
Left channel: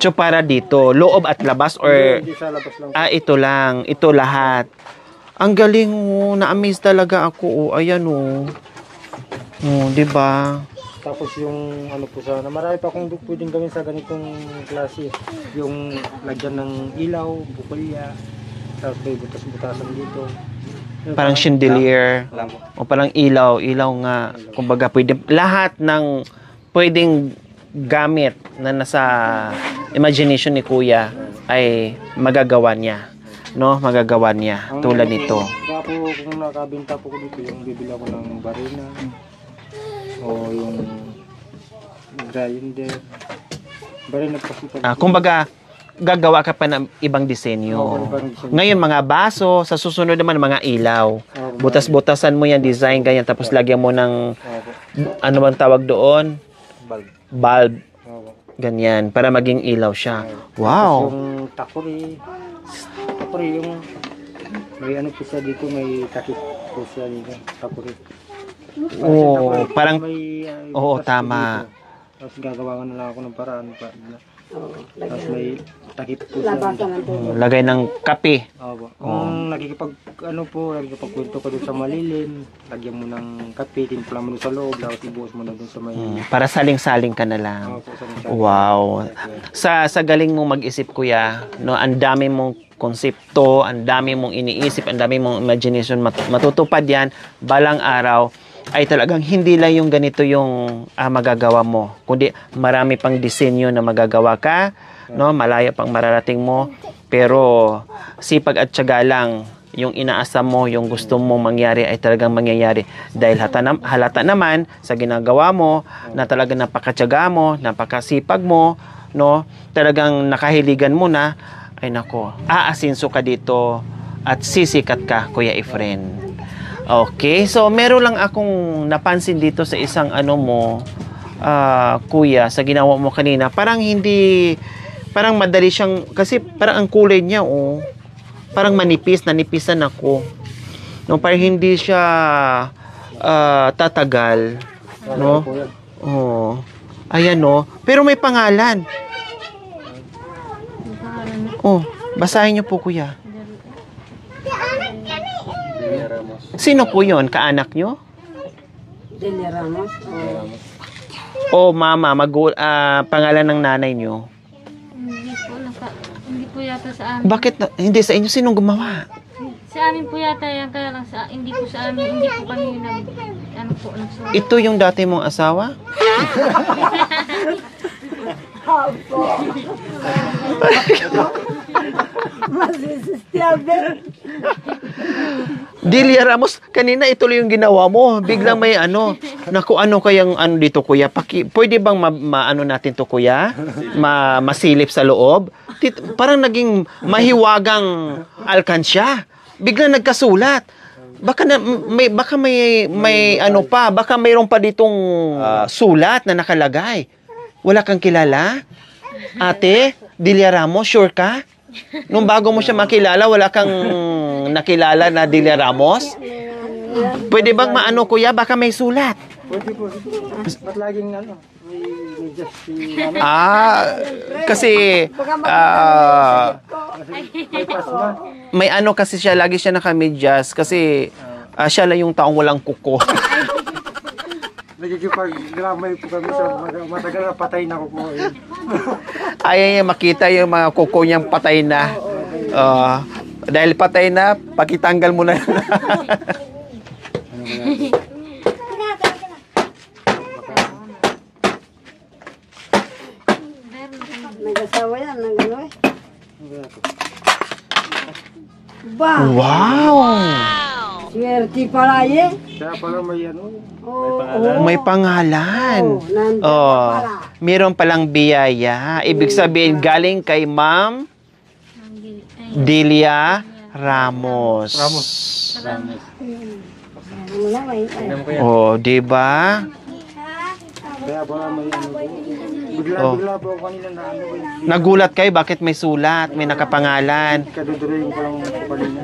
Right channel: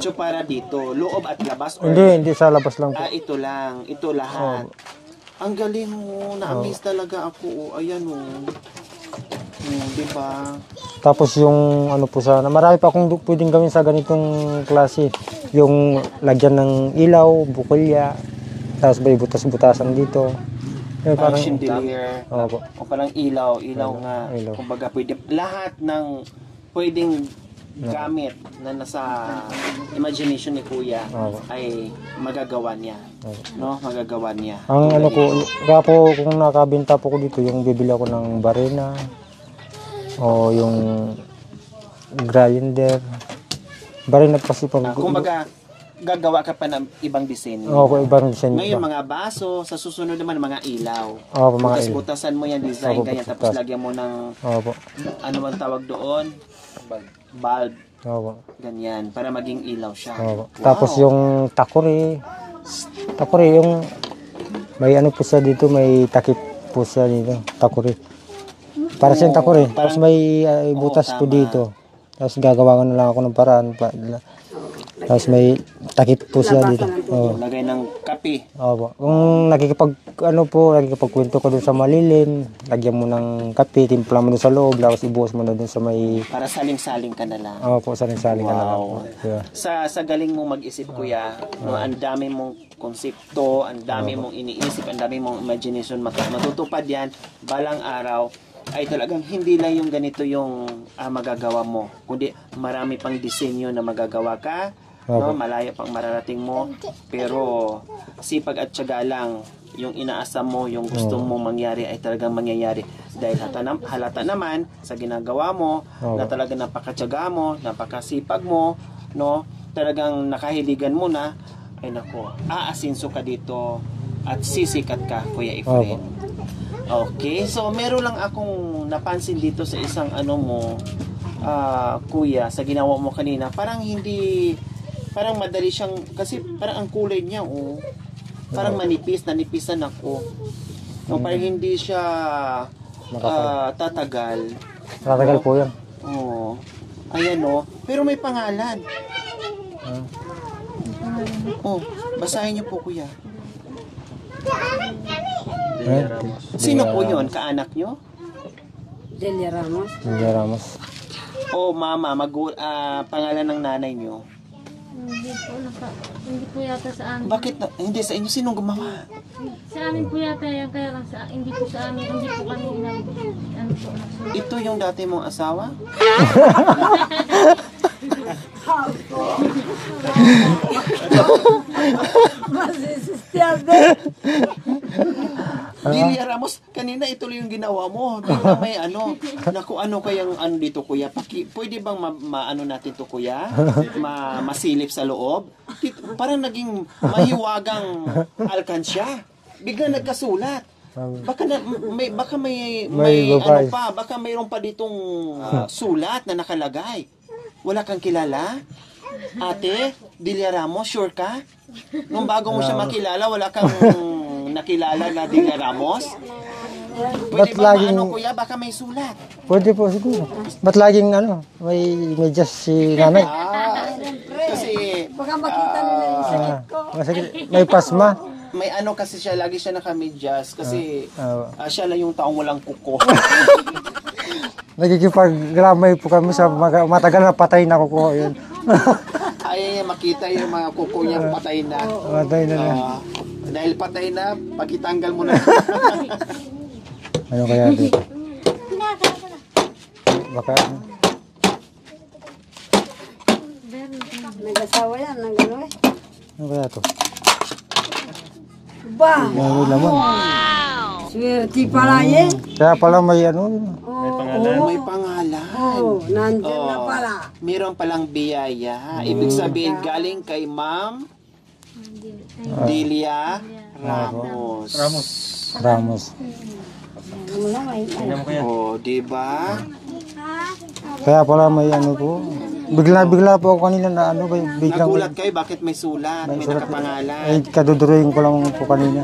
So para dito, loob at labas or... Hindi sa labas lang po. Ito lang. Ito lahat. Ang galing na-amaze talaga ako. Ayan di ba? Tapos yung ano po sana, marami pa akong pwedeng gawin sa ganitong klase. Yung lagyan ng ilaw, bukolya, tapos may butas-butasan dito. Parang chandelier. Opo. O parang ilaw nga. Ilaw. Kumbaga, lahat ng pwedeng gamit na nasa imagination ni Kuya ay magagawa niya. No? Magagawa niya. Tulad nito. Kaya po, kung nakabenta po ko dito, yung bibili ako ng barena o yung grinder. Barena kasi po. Kumbaga, gagawa ka pa ng ibang disenyo. Oo, ibang disenyo. Ngayon, mga baso, sa susunod naman, mga ilaw. Opo, mga Butas-butasan mo yan, design, Opo, ganyan. Tapos lagyan mo ng, Opo. ano bang tawag doon? Bulb. Opo. Ganyan, para maging ilaw siya. Opo. Wow. Tapos yung takuri, yung may ano po siya dito, may takip po siya dito, takuri. Para siyang takuri. Parang- Tapos may butas po tama. dito. Tapos gagawa ko na lang ako ng paraan. Tapos may takip po siya dito. Oo. Lagay ng kape. Opo. Kung nakikipagkwento ka doon sa malilim, lagyan mo ng kape, timpla mo doon sa loob, tapos ibuhos mo na doon sa may... Para saling-saling ka na lang. Opo, sa Wow. Yeah. Sa galing mong mag-isip, Kuya, no, ang dami mong konsepto, ang dami mong iniisip, ang dami mong imagination, matutupad yan, balang araw, ay talagang hindi lang yung ganito yung magagawa mo, kundi marami pang disenyo na magagawa ka, no, malaya pang mararating mo, pero sipag at tiyaga lang yung inaasam mo, yung gusto mong mangyari ay talagang mangyayari. Dahil halata naman sa ginagawa mo, na talagang napakatyaga mo, napakasipag mo, no? Talagang nakahiligan mo na, ay nako, aasinso ka dito at sisikat ka, Kuya Efren. Okay, so meron lang akong napansin dito sa isang Kuya, sa ginawa mo kanina. Parang madali siyang, kasi parang ang kulay niya, parang nanipisan ako. No, parang hindi siya tatagal. Matagal po yan. Ayan, no. Pero may pangalan. Basahin niyo po, Kuya. Sino po yun? Kaanak niyo? Delia Ramos. Delia Ramos. Mama, pangalan ng nanay niyo? Hindi po yata sa amin. Bakit hindi sa inyo? Sinong gumawa? Sa amin po yata yan, kaya lang hindi po sa amin, hindi po kami nagsulat. Ito yung dati mong asawa? Delia Ramos, kanina ituloy yung ginawa mo. Biglang may naku, ano kayang dito, Kuya? Pwede bang maano natin to, Kuya? Masilip sa loob? Parang naging mahiwagang alkansya. Biglang nagkasulat. Baka may ano pa, baka mayroon pa ditong sulat na nakalagay. Wala kang kilala? Ate, Delia Ramos, sure ka? Nung bago mo siya makilala, wala kang nakilala na Delia Ramos? Pwede bang Kuya? Baka may sulat. Pwede po siguro. Ba't laging may medyas si nanay? Kasi may pasma. may kasi siya, lagi siya nakamedyas kasi siya lang yung taong walang kuko. Nagkikipag-gramay po kami sa matagal na patay na kuko. Ayaw niya makita yung mga kuko niyang patay na. Dahil patay na, pakitanggal mo na. Ano kaya dito? Baka Nag-asawa yan, ng gano'n eh. ano kaya ito? Ba! Wow! Swerte pala eh. Kaya pala may May pangalan. Nandun na pala. Meron palang biyaya. Ibig sabihin, galing kay Ma'am Delia Ramos. Ramos. Diba? Kaya pala may po. Bigla po ako kanina na Nagulat kayo, bakit may sulat, may nakapangalan? Kaduduruin ko lang po kanina.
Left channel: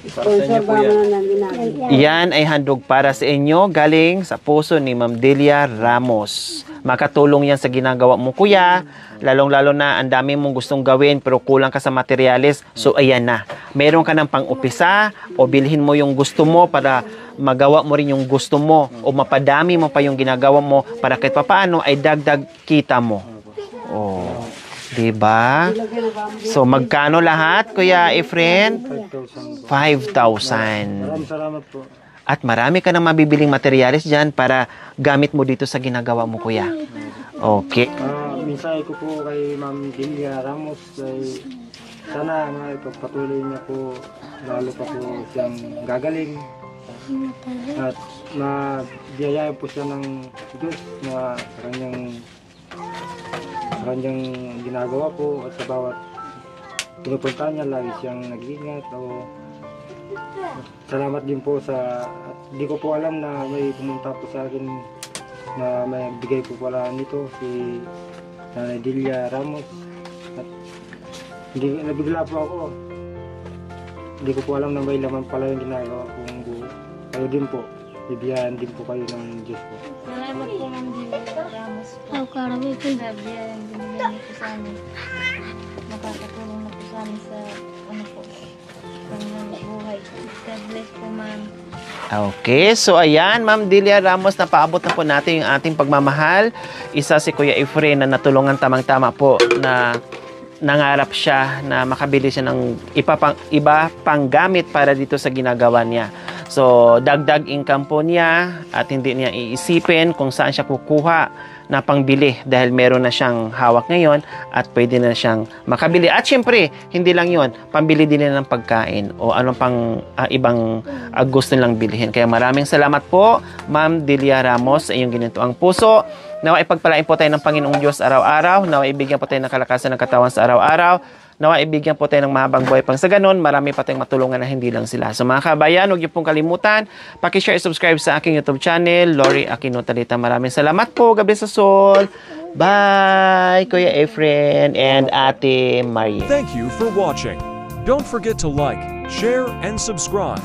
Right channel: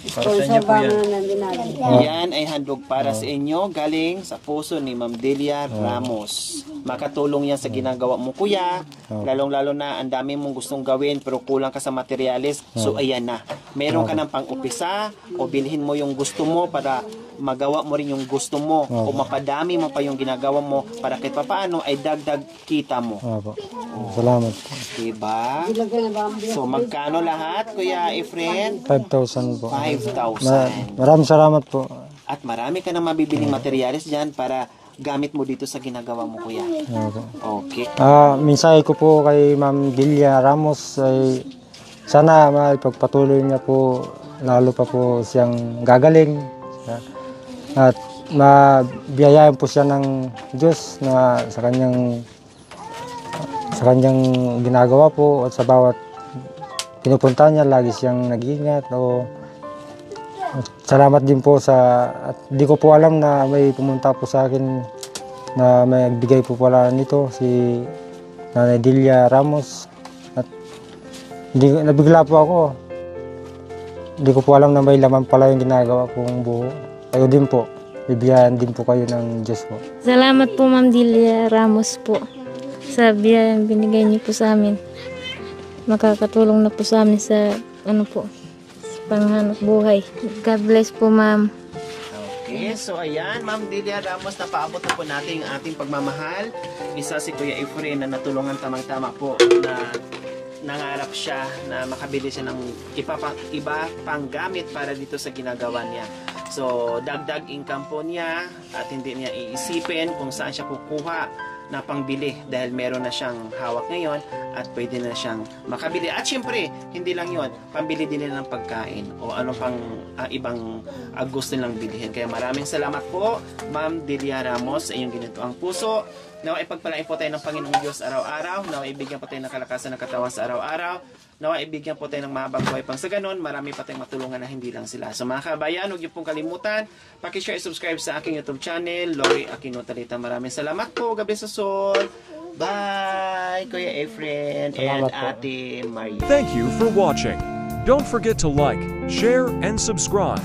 Sponsor ba mo na natin? Yan ay handog para sa inyo, galing sa puso ni Ma'am Delia Ramos. Makatulong yan sa ginagawa mo, Kuya. Lalong-lalo na ang dami mong gustong gawin pero kulang ka sa materyales. So ayan na. Meron ka ng pang-upisa o bilhin mo yung gusto mo para magawa mo rin yung gusto mo o mapadami mo pa yung ginagawa mo para kahit papaano ay dagdag kita mo. Salamat. Diba? So magkano lahat, Kuya Efren? 5,000 po. 5,000. Maraming salamat po. At marami ka na mabibiling materyales dyan para gamit mo dito sa ginagawa mo, Kuya. Okay. Mensahe ko po kay Ma'am Delia Ramos ay sana maipagpatuloy niya po lalo pa po siyang gagaling at mabiyayain po siya ng Diyos na sa kanyang ginagawa po at sa bawat pinupunta niya lagi siyang nag-iingat salamat din po at di ko po alam na may pumunta po sa akin na may bigay po pala nito si Nanay Delia Ramos at nabigla po ako. Hindi ko po alam na may laman pala yung ginagawa kong buho. Kayo din po. Bibiyahan din po kayo ng Diyos po. Salamat po, Ma'am Delia Ramos po, sa biyayang binigay niyo po sa amin. Makakatulong na po sa amin sa panghanap buhay. God bless po, Ma'am. Okay, so ayan, Ma'am Delia Ramos, napaabot na po natin yung ating pagmamahal. Isa si Kuya Efren na natulungan tamang-tama po na nangarap siya na makabili siya ng iba pang gamit para dito sa ginagawa niya. So, dagdag income po niya at hindi niya iisipin kung saan siya kukuha na pangbili dahil meron na siyang hawak ngayon at pwede na siyang makabili. At syempre, hindi lang yon, pambili din nila ng pagkain o ano pang ibang gusto nilang bilhin. Kaya maraming salamat po, Ma'am Delia Ramos, sa iyong ginintuang puso. Nawa ipagpalain po tayo ng Panginoong Diyos araw-araw. Nawa ibigyan po tayo ng kalakasan ng katawan sa araw-araw. Nawa ibigyan po tayo ng mahabang buhay pang sa ganun. Marami pa tayong matulungan na hindi lang sila. So mga kabayan, huwag niyo pong kalimutan. Paki-share, subscribe sa aking YouTube channel, Lori Aquino Talita. Maraming salamat po. God bless us all. Bye, Kuya Efren and Ate Maria. Thank you for watching. Don't forget to like, share, and subscribe.